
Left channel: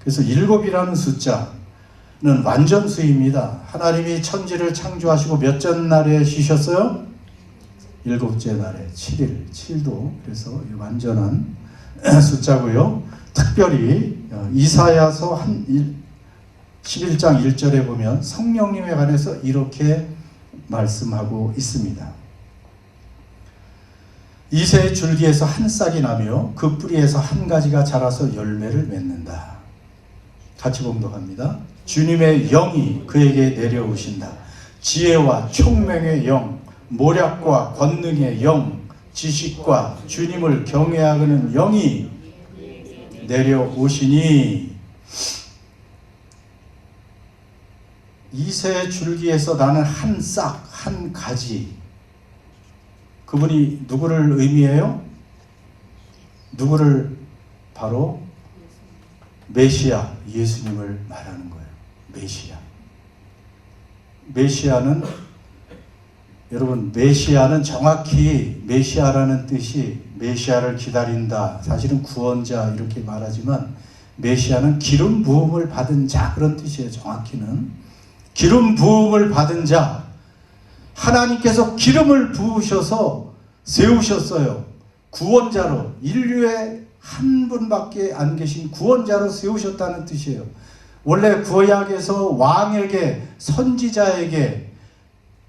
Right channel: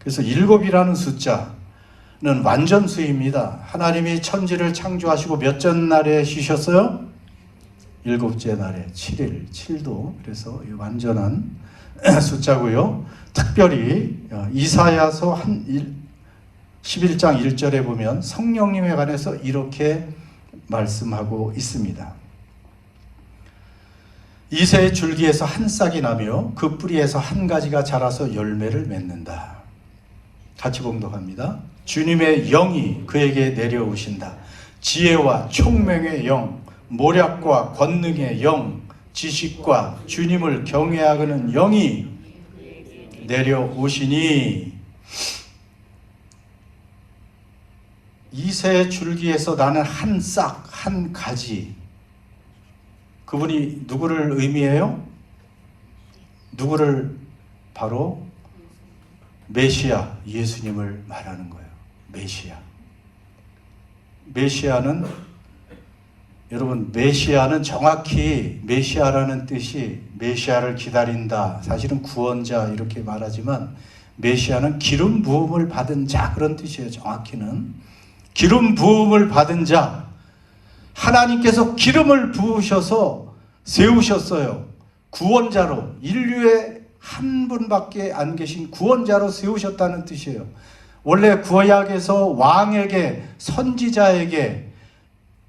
그래서 7이라는 숫자는 완전수입니다. 하나님이 천지를 창조하시고 몇째 날에 쉬셨어요? 7째 날에 7일, 7도 그래서 완전한 숫자고요. 특별히 이사야서 11장 1절에 보면 성령님에 관해서 이렇게 말씀하고 있습니다. 이새의 줄기에서 한 싹이 나며 그 뿌리에서 한 가지가 자라서 열매를 맺는다. 같이 봉독합니다. 주님의 영이 그에게 내려오신다. 지혜와 총명의 영, 모략과 권능의 영, 지식과 주님을 경외하는 영이 내려오시니 이새의 줄기에서 나는 한 싹, 한 가지. 그분이 누구를 의미해요? 누구를? 바로 메시아, 예수님을 말하는 거예요. 메시아. 메시아는 여러분 메시아는 정확히 메시아라는 뜻이 메시아를 기다린다. 사실은 구원자 이렇게 말하지만 메시아는 기름 부음을 받은 자 그런 뜻이에요. 정확히는 기름 부음을 받은 자. 하나님께서 기름을 부으셔서 세우셨어요. 구원자로 인류의 한 분밖에 안 계신 구원자로 세우셨다는 뜻이에요. 원래 구약에서 왕에게 선지자에게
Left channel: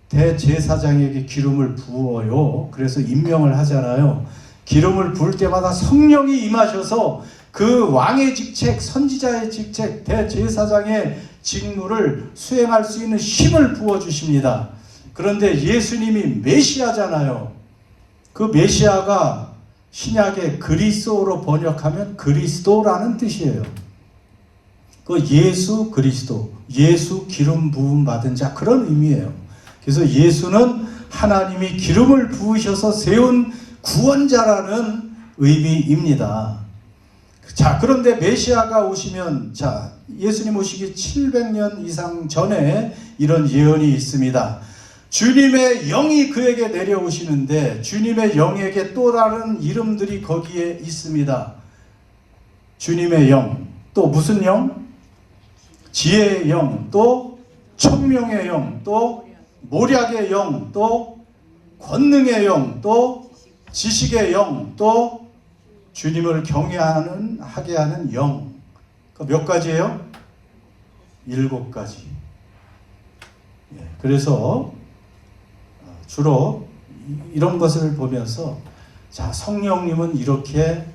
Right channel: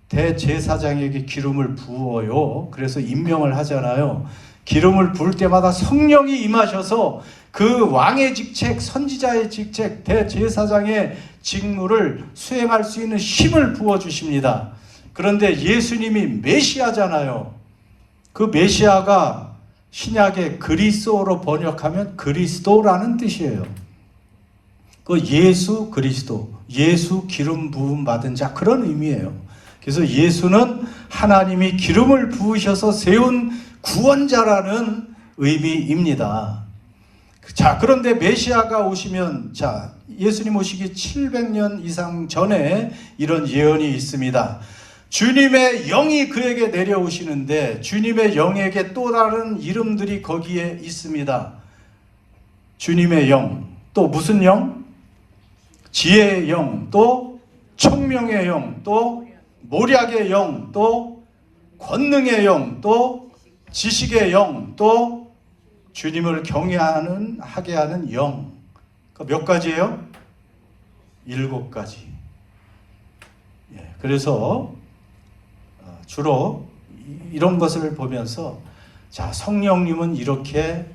대제사장에게 기름을 부어요. 그래서 임명을 하잖아요. 기름을 부을 때마다 성령이 임하셔서 그 왕의 직책, 선지자의 직책, 대제사장의 직무를 수행할 수 있는 힘을 부어주십니다. 그런데 예수님이 메시아잖아요. 그 메시아가 신약의 그리스도로 번역하면 그리스도라는 뜻이에요. 그 예수 그리스도, 예수 기름 부음 받은 자 그런 의미예요. 그래서 예수는 하나님이 기름을 부으셔서 세운 구원자라는 의미입니다. 자, 그런데 메시아가 오시면, 자, 예수님 오시기 700년 이상 전에 이런 예언이 있습니다. 주님의 영이 그에게 내려오시는데 주님의 영에게 또 다른 이름들이 거기에 있습니다. 주님의 영, 또 무슨 영? 지혜의 영, 또 총명의 영, 또 모략의 영, 또 권능의 영, 또 지식의 영, 또 주님을 경외하게 하는 영. 몇 가지예요? 7가지. 그래서 주로 이런 것을 보면서 자, 성령님은 이렇게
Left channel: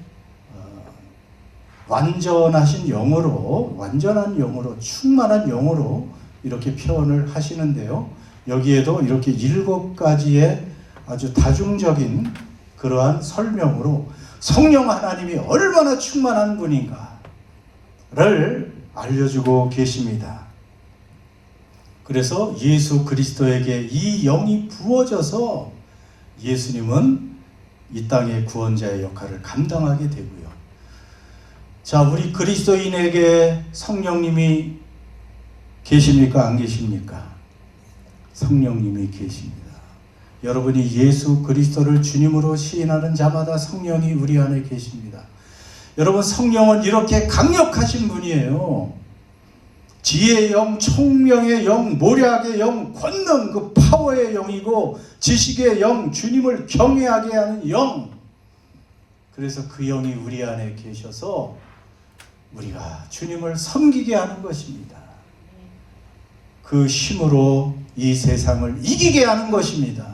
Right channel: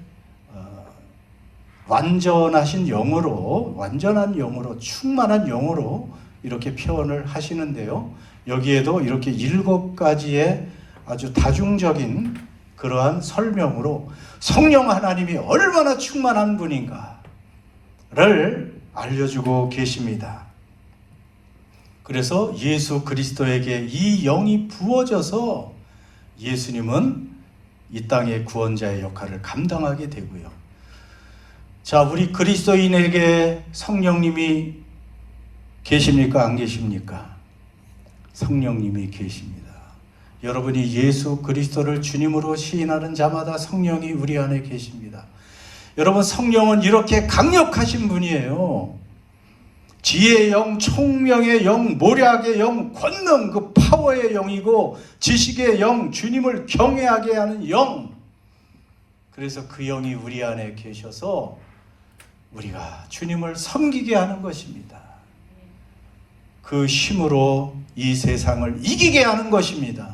완전하신 영으로, 완전한 영으로, 충만한 영으로 이렇게 표현을 하시는데요. 여기에도 이렇게 7가지의 아주 다중적인 그러한 설명으로 성령 하나님이 얼마나 충만한 분인가를 알려주고 계십니다. 그래서 예수 그리스도에게 이 영이 부어져서 예수님은 이 땅의 구원자의 역할을 감당하게 되고요. 자, 우리 그리스도인에게 성령님이 계십니까? 안 계십니까? 성령님이 계십니다. 여러분이 예수 그리스도를 주님으로 시인하는 자마다 성령이 우리 안에 계십니다. 여러분, 성령은 이렇게 강력하신 분이에요. 지혜의 영, 총명의 영, 모략의 영, 권능, 그 파워의 영이고, 지식의 영, 주님을 경외하게 하는 영. 그래서 그 영이 우리 안에 계셔서 우리가 주님을 섬기게 하는 것입니다. 그 힘으로 이 세상을 이기게 하는 것입니다.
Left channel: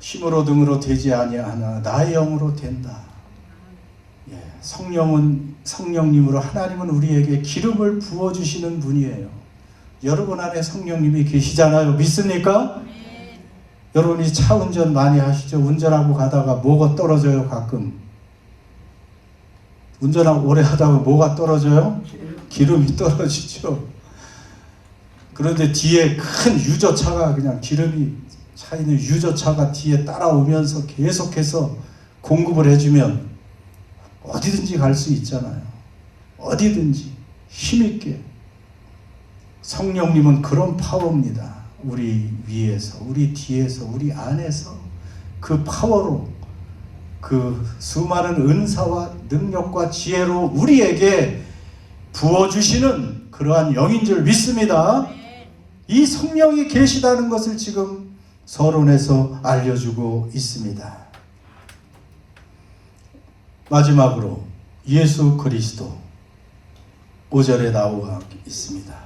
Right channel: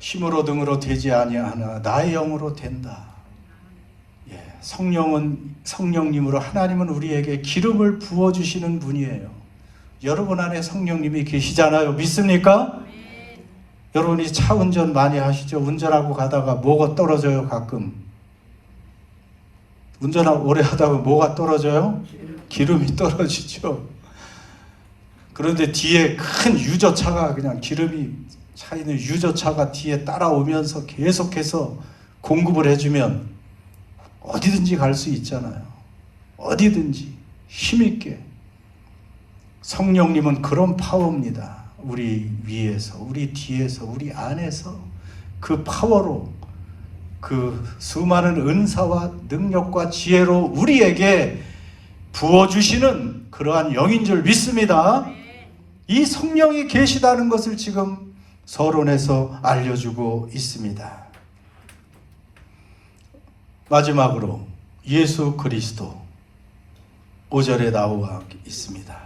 힘으로 등으로 되지 아니하나 나의 영으로 된다. 성령님으로 하나님은 우리에게 기름을 부어주시는 분이에요. 여러분 안에 성령님이 계시잖아요. 믿습니까? 네. 여러분이 차 운전 많이 하시죠? 운전하고 가다가 뭐가 떨어져요? 가끔 운전하고 오래 하다가 뭐가 떨어져요? 기름이 떨어지죠. 그런데 뒤에 큰 유조차가, 그냥 기름이 차 있는 유조차가 뒤에 따라오면서 계속해서 공급을 해주면 어디든지 갈 수 있잖아요. 어디든지 힘있게. 성령님은 그런 파워입니다. 우리 위에서, 우리 뒤에서, 우리 안에서 그 파워로, 그 수많은 은사와 능력과 지혜로 우리에게 부어주시는 그러한 영인 줄 믿습니다. 이 성령이 계시다는 것을 지금 서론에서 알려주고 있습니다. 마지막으로 예수 그리스도 5절에 나오고 있습니다.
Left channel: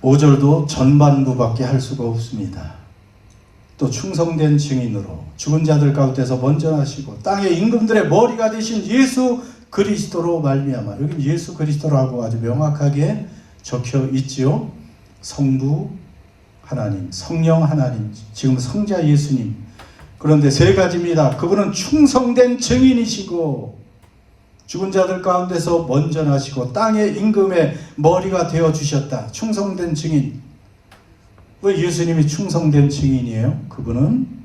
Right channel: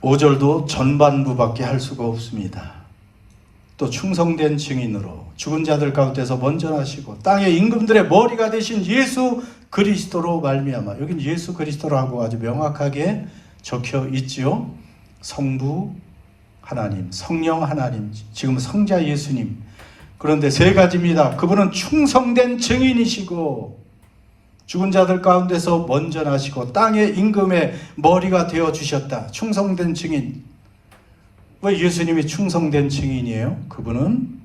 5절도 전반부밖에 할 수가 없습니다. 또 충성된 증인으로 죽은 자들 가운데서 먼저 나시고 땅의 임금들의 머리가 되신 예수 그리스도로 말미암아, 여기는 예수 그리스도라고 아주 명확하게 적혀 있지요. 성부 하나님, 성령 하나님, 지금 성자 예수님. 그런데 3가지입니다. 그분은 충성된 증인이시고 죽은 자들 가운데서 먼저 나시고 땅의 임금의 머리가 되어주셨다. 충성된 증인. 왜 예수님이 충성된 증인이에요? 그분은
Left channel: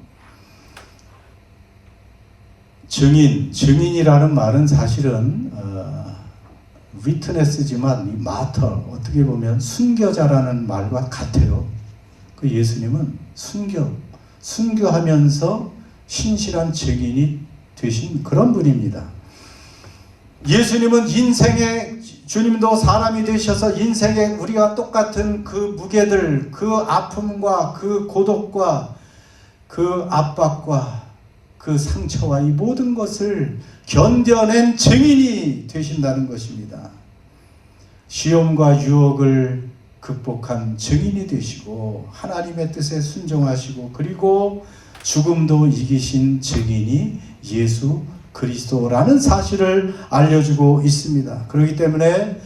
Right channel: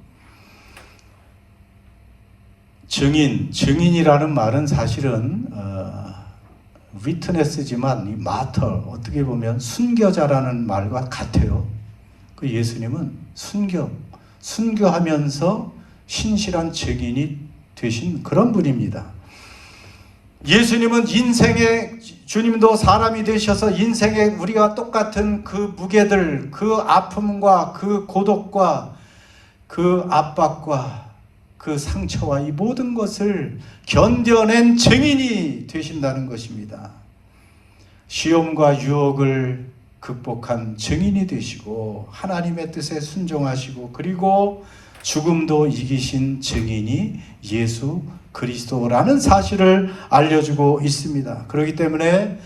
증인이라는 말은 사실은 위트네스지만 마터, 어떻게 보면 순교자라는 말과 같아요. 그 예수님은 순교하면서 신실한 증인이 되신 그런 분입니다. 예수님은 인생의, 주님도 사람이 되셔서 인생에 우리가 똑같은 그 무게들, 그 아픔과 그 고독과 그 압박과 그 상처와 이 모든 것을 견뎌낸 증인이 되신다는 것입니다. 시험과 유혹을 극복한 증인이 되시고 하나님의 뜻에 순종하시고 그리고 죽음도 이기신 증인이 예수 그리스도라는 사실을 알려주고 있습니다. 그렇기 때문에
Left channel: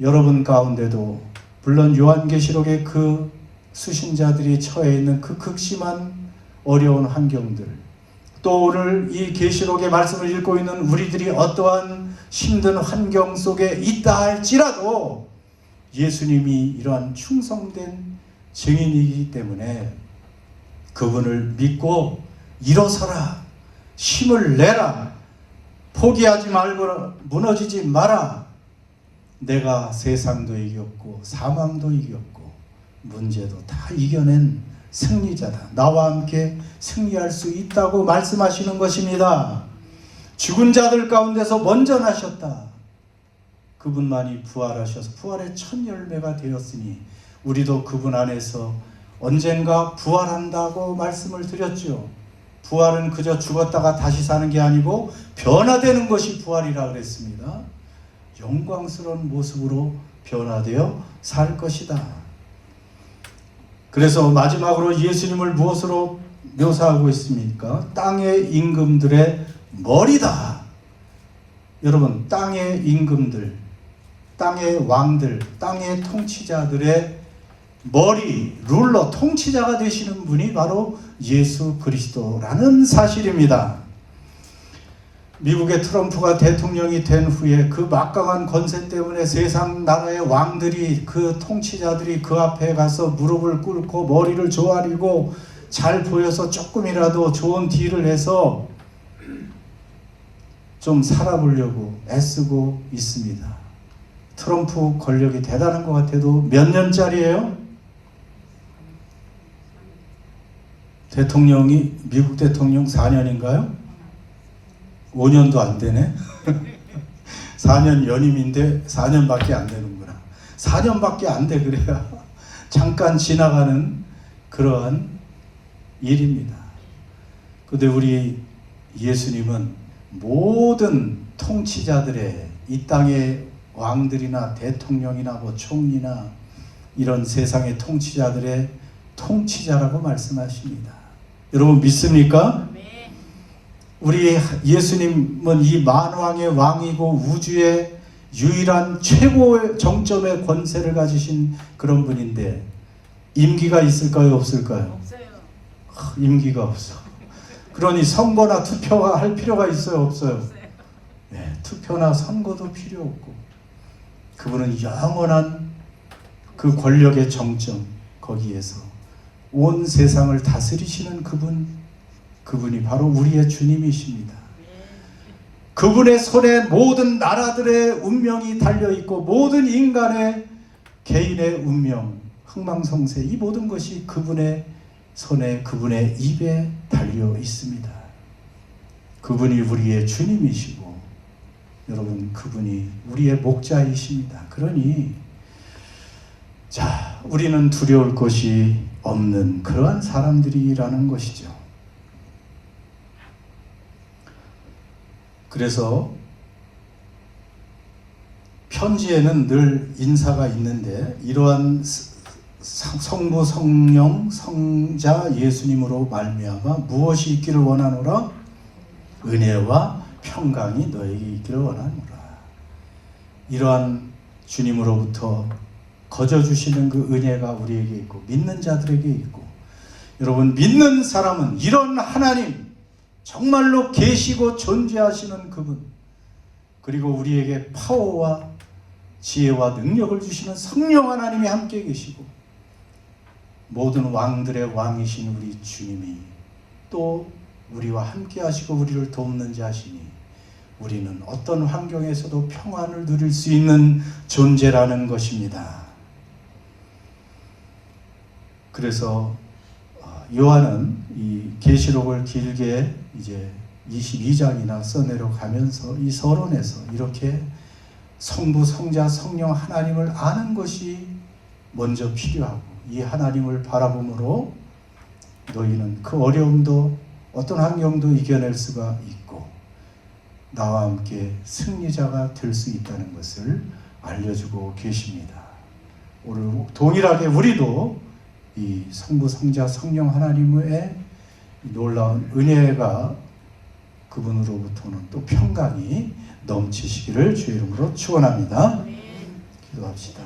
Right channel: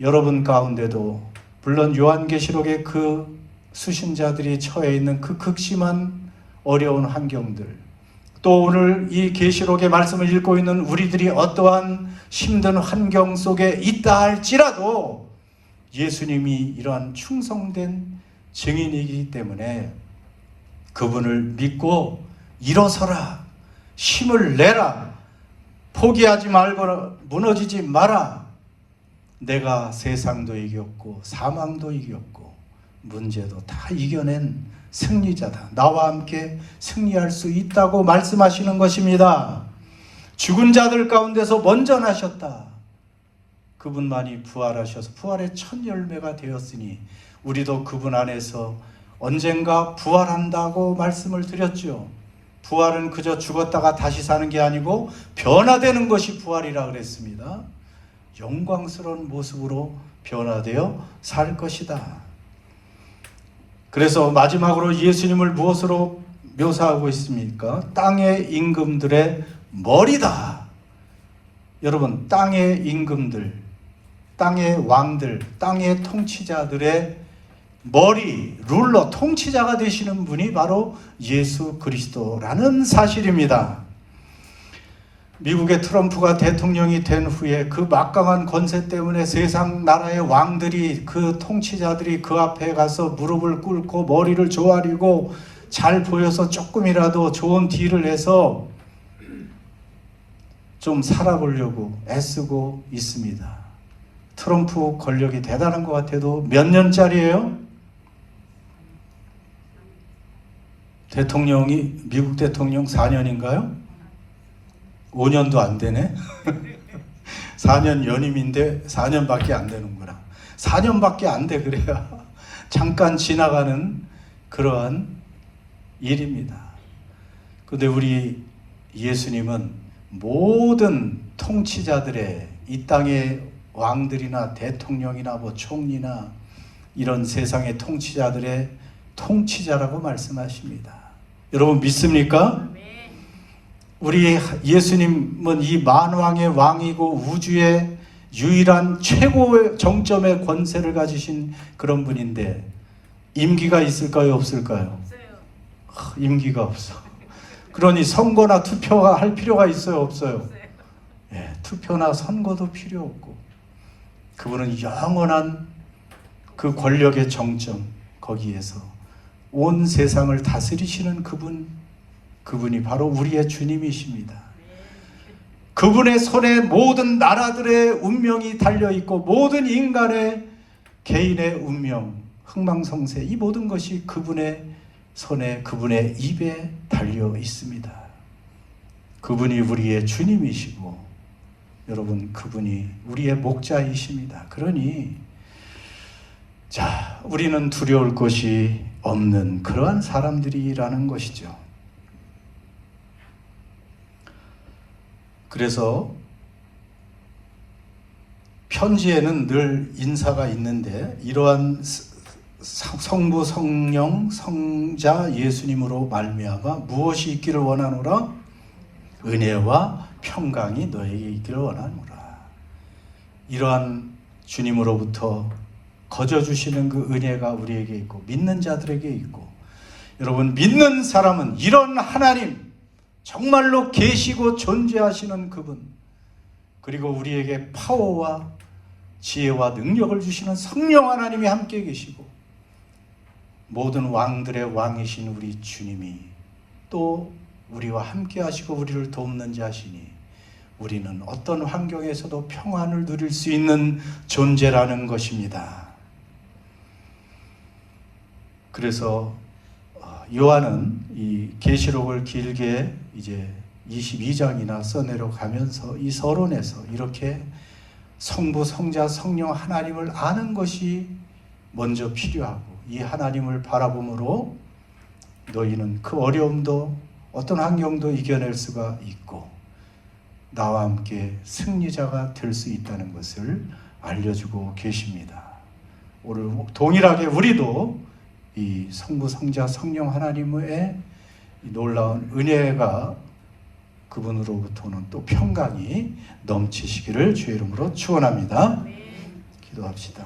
여러분 가운데도 물론 요한계시록의 그 수신자들이 처해 있는 그 극심한 어려운 환경들, 또 오늘 이 계시록의 말씀을 읽고 있는 우리들이 어떠한 힘든 환경 속에 있다 할지라도 예수님이 이러한 충성된 증인이기 때문에 그분을 믿고 일어서라, 힘을 내라, 포기하지 말고 무너지지 마라. 내가 세상도 이겼고 사망도 이겼고 문제도 다 이겨낸 승리자다. 나와 함께 승리할 수 있다고 말씀하시는 것입니다. 죽은 자들 가운데서 먼저 나셨다. 그분만이 부활하셔서 부활의 첫 열매가 되었으니 우리도 그분 안에서 언젠가 부활한다고 말씀을 드렸죠. 부활은 그저 죽었다가 다시 사는 게 아니고 변화되는 것이 부활이라 그랬습니다. 영광스러운 모습으로 변화되어 살 것이다. 그래서 마지막으로 예수님을 무엇으로 묘사하고 있습니까? 땅의 임금들의 머리다. 여러분, 땅의 임금들, 땅의 왕들, 땅의 통치자들의 머리, 룰러, 통치자가 되시는 분이 바로 예수 그리스도라는 사실입니다. 미국의 트럼프가 대통령이 된 후에 그 막강한 권세 때문에 세상 나라의 왕들이, 그 통치자들이 그 앞에 가서 무릎을 꿇고 머리를 조아리고 잘 보여서 조금이라도 좋은 딜을 해서 좀 살아보려고 애쓰고 있습니다. 트럼프 권력이 대단한 것 같아도 몇 년짜리예요? 대통령이, 미국 대통령 4년인가요? 5년도 안 되네? 4년 연임인데 4년밖에 안 되는구나. 4년밖에 안 돼, 그래야 잠깐 지나가는 그러한 일입니다. 근데 우리 예수님은 모든 통치자들의, 이 땅의 왕들이나 대통령이나 뭐 총리나 이런 세상의 통치자들의 통치자라고 말씀하십니다. 여러분 믿습니까? 우리 예수님은 이 만왕의 왕이고 우주의 유일한 최고의 정점의 권세를 가지신 그런 분인데 임기가 있을까요? 없을까요? 없어요. 임기가 없어. 그러니 선거나 투표가 할 필요가 있어요? 없어요? 예, 투표나 선거도 필요 없고 그분은 영원한 그 권력의 정점, 거기에서 온 세상을 다스리시는 그분이 바로 우리의 주님이십니다. 그분의 손에 모든 나라들의 운명이 달려있고 모든 인간의 개인의 운명, 흥망성쇠, 이 모든 것이 그분의 손에, 그분의 입에 달려 있습니다. 그분이 우리의 주님이시고 여러분, 그분이 우리의 목자이십니다. 그러니 자, 우리는 두려울 것이 없는 그러한 사람들이라는 것이죠. 그래서 편지에는 늘 인사가 있는데 이러한 성부, 성령, 성자 예수님으로 말미암아 무엇이 있기를 원하노라? 은혜와 평강이 너에게 있기를 원하노라. 이러한 주님으로부터 거저주시는 그 은혜가 우리에게 있고 믿는 자들에게 있고, 여러분 믿는 사람은 이런 하나님, 정말로 계시고 존재하시는 그분, 그리고 우리에게 파워와 지혜와 능력을 주시는 성령 하나님이 함께 계시고 모든 왕들의 왕이신 우리 주님이 또 우리와 함께 하시고 우리를 돕는 자시니 우리는 어떤 환경에서도 평안을 누릴 수 있는 존재라는 것입니다. 그래서 요한은 이 계시록을 길게 이제 22장이나 써내려가면서 이 서론에서 이렇게 성부, 성자, 성령 하나님을 아는 것이 먼저 필요하고, 이 하나님을 바라봄으로 너희는 그 어려움도 어떤 환경도 이겨낼 수가 있고 나와 함께 승리자가 될 수 있다는 것을 알려주고 계십니다. 오늘 동일하게 우리도 이 성부, 성자, 성령 하나님의 놀라운 은혜가 그분으로부터는 또 평강이 넘치시기를 주의 이름으로 축원합니다. 기도합시다.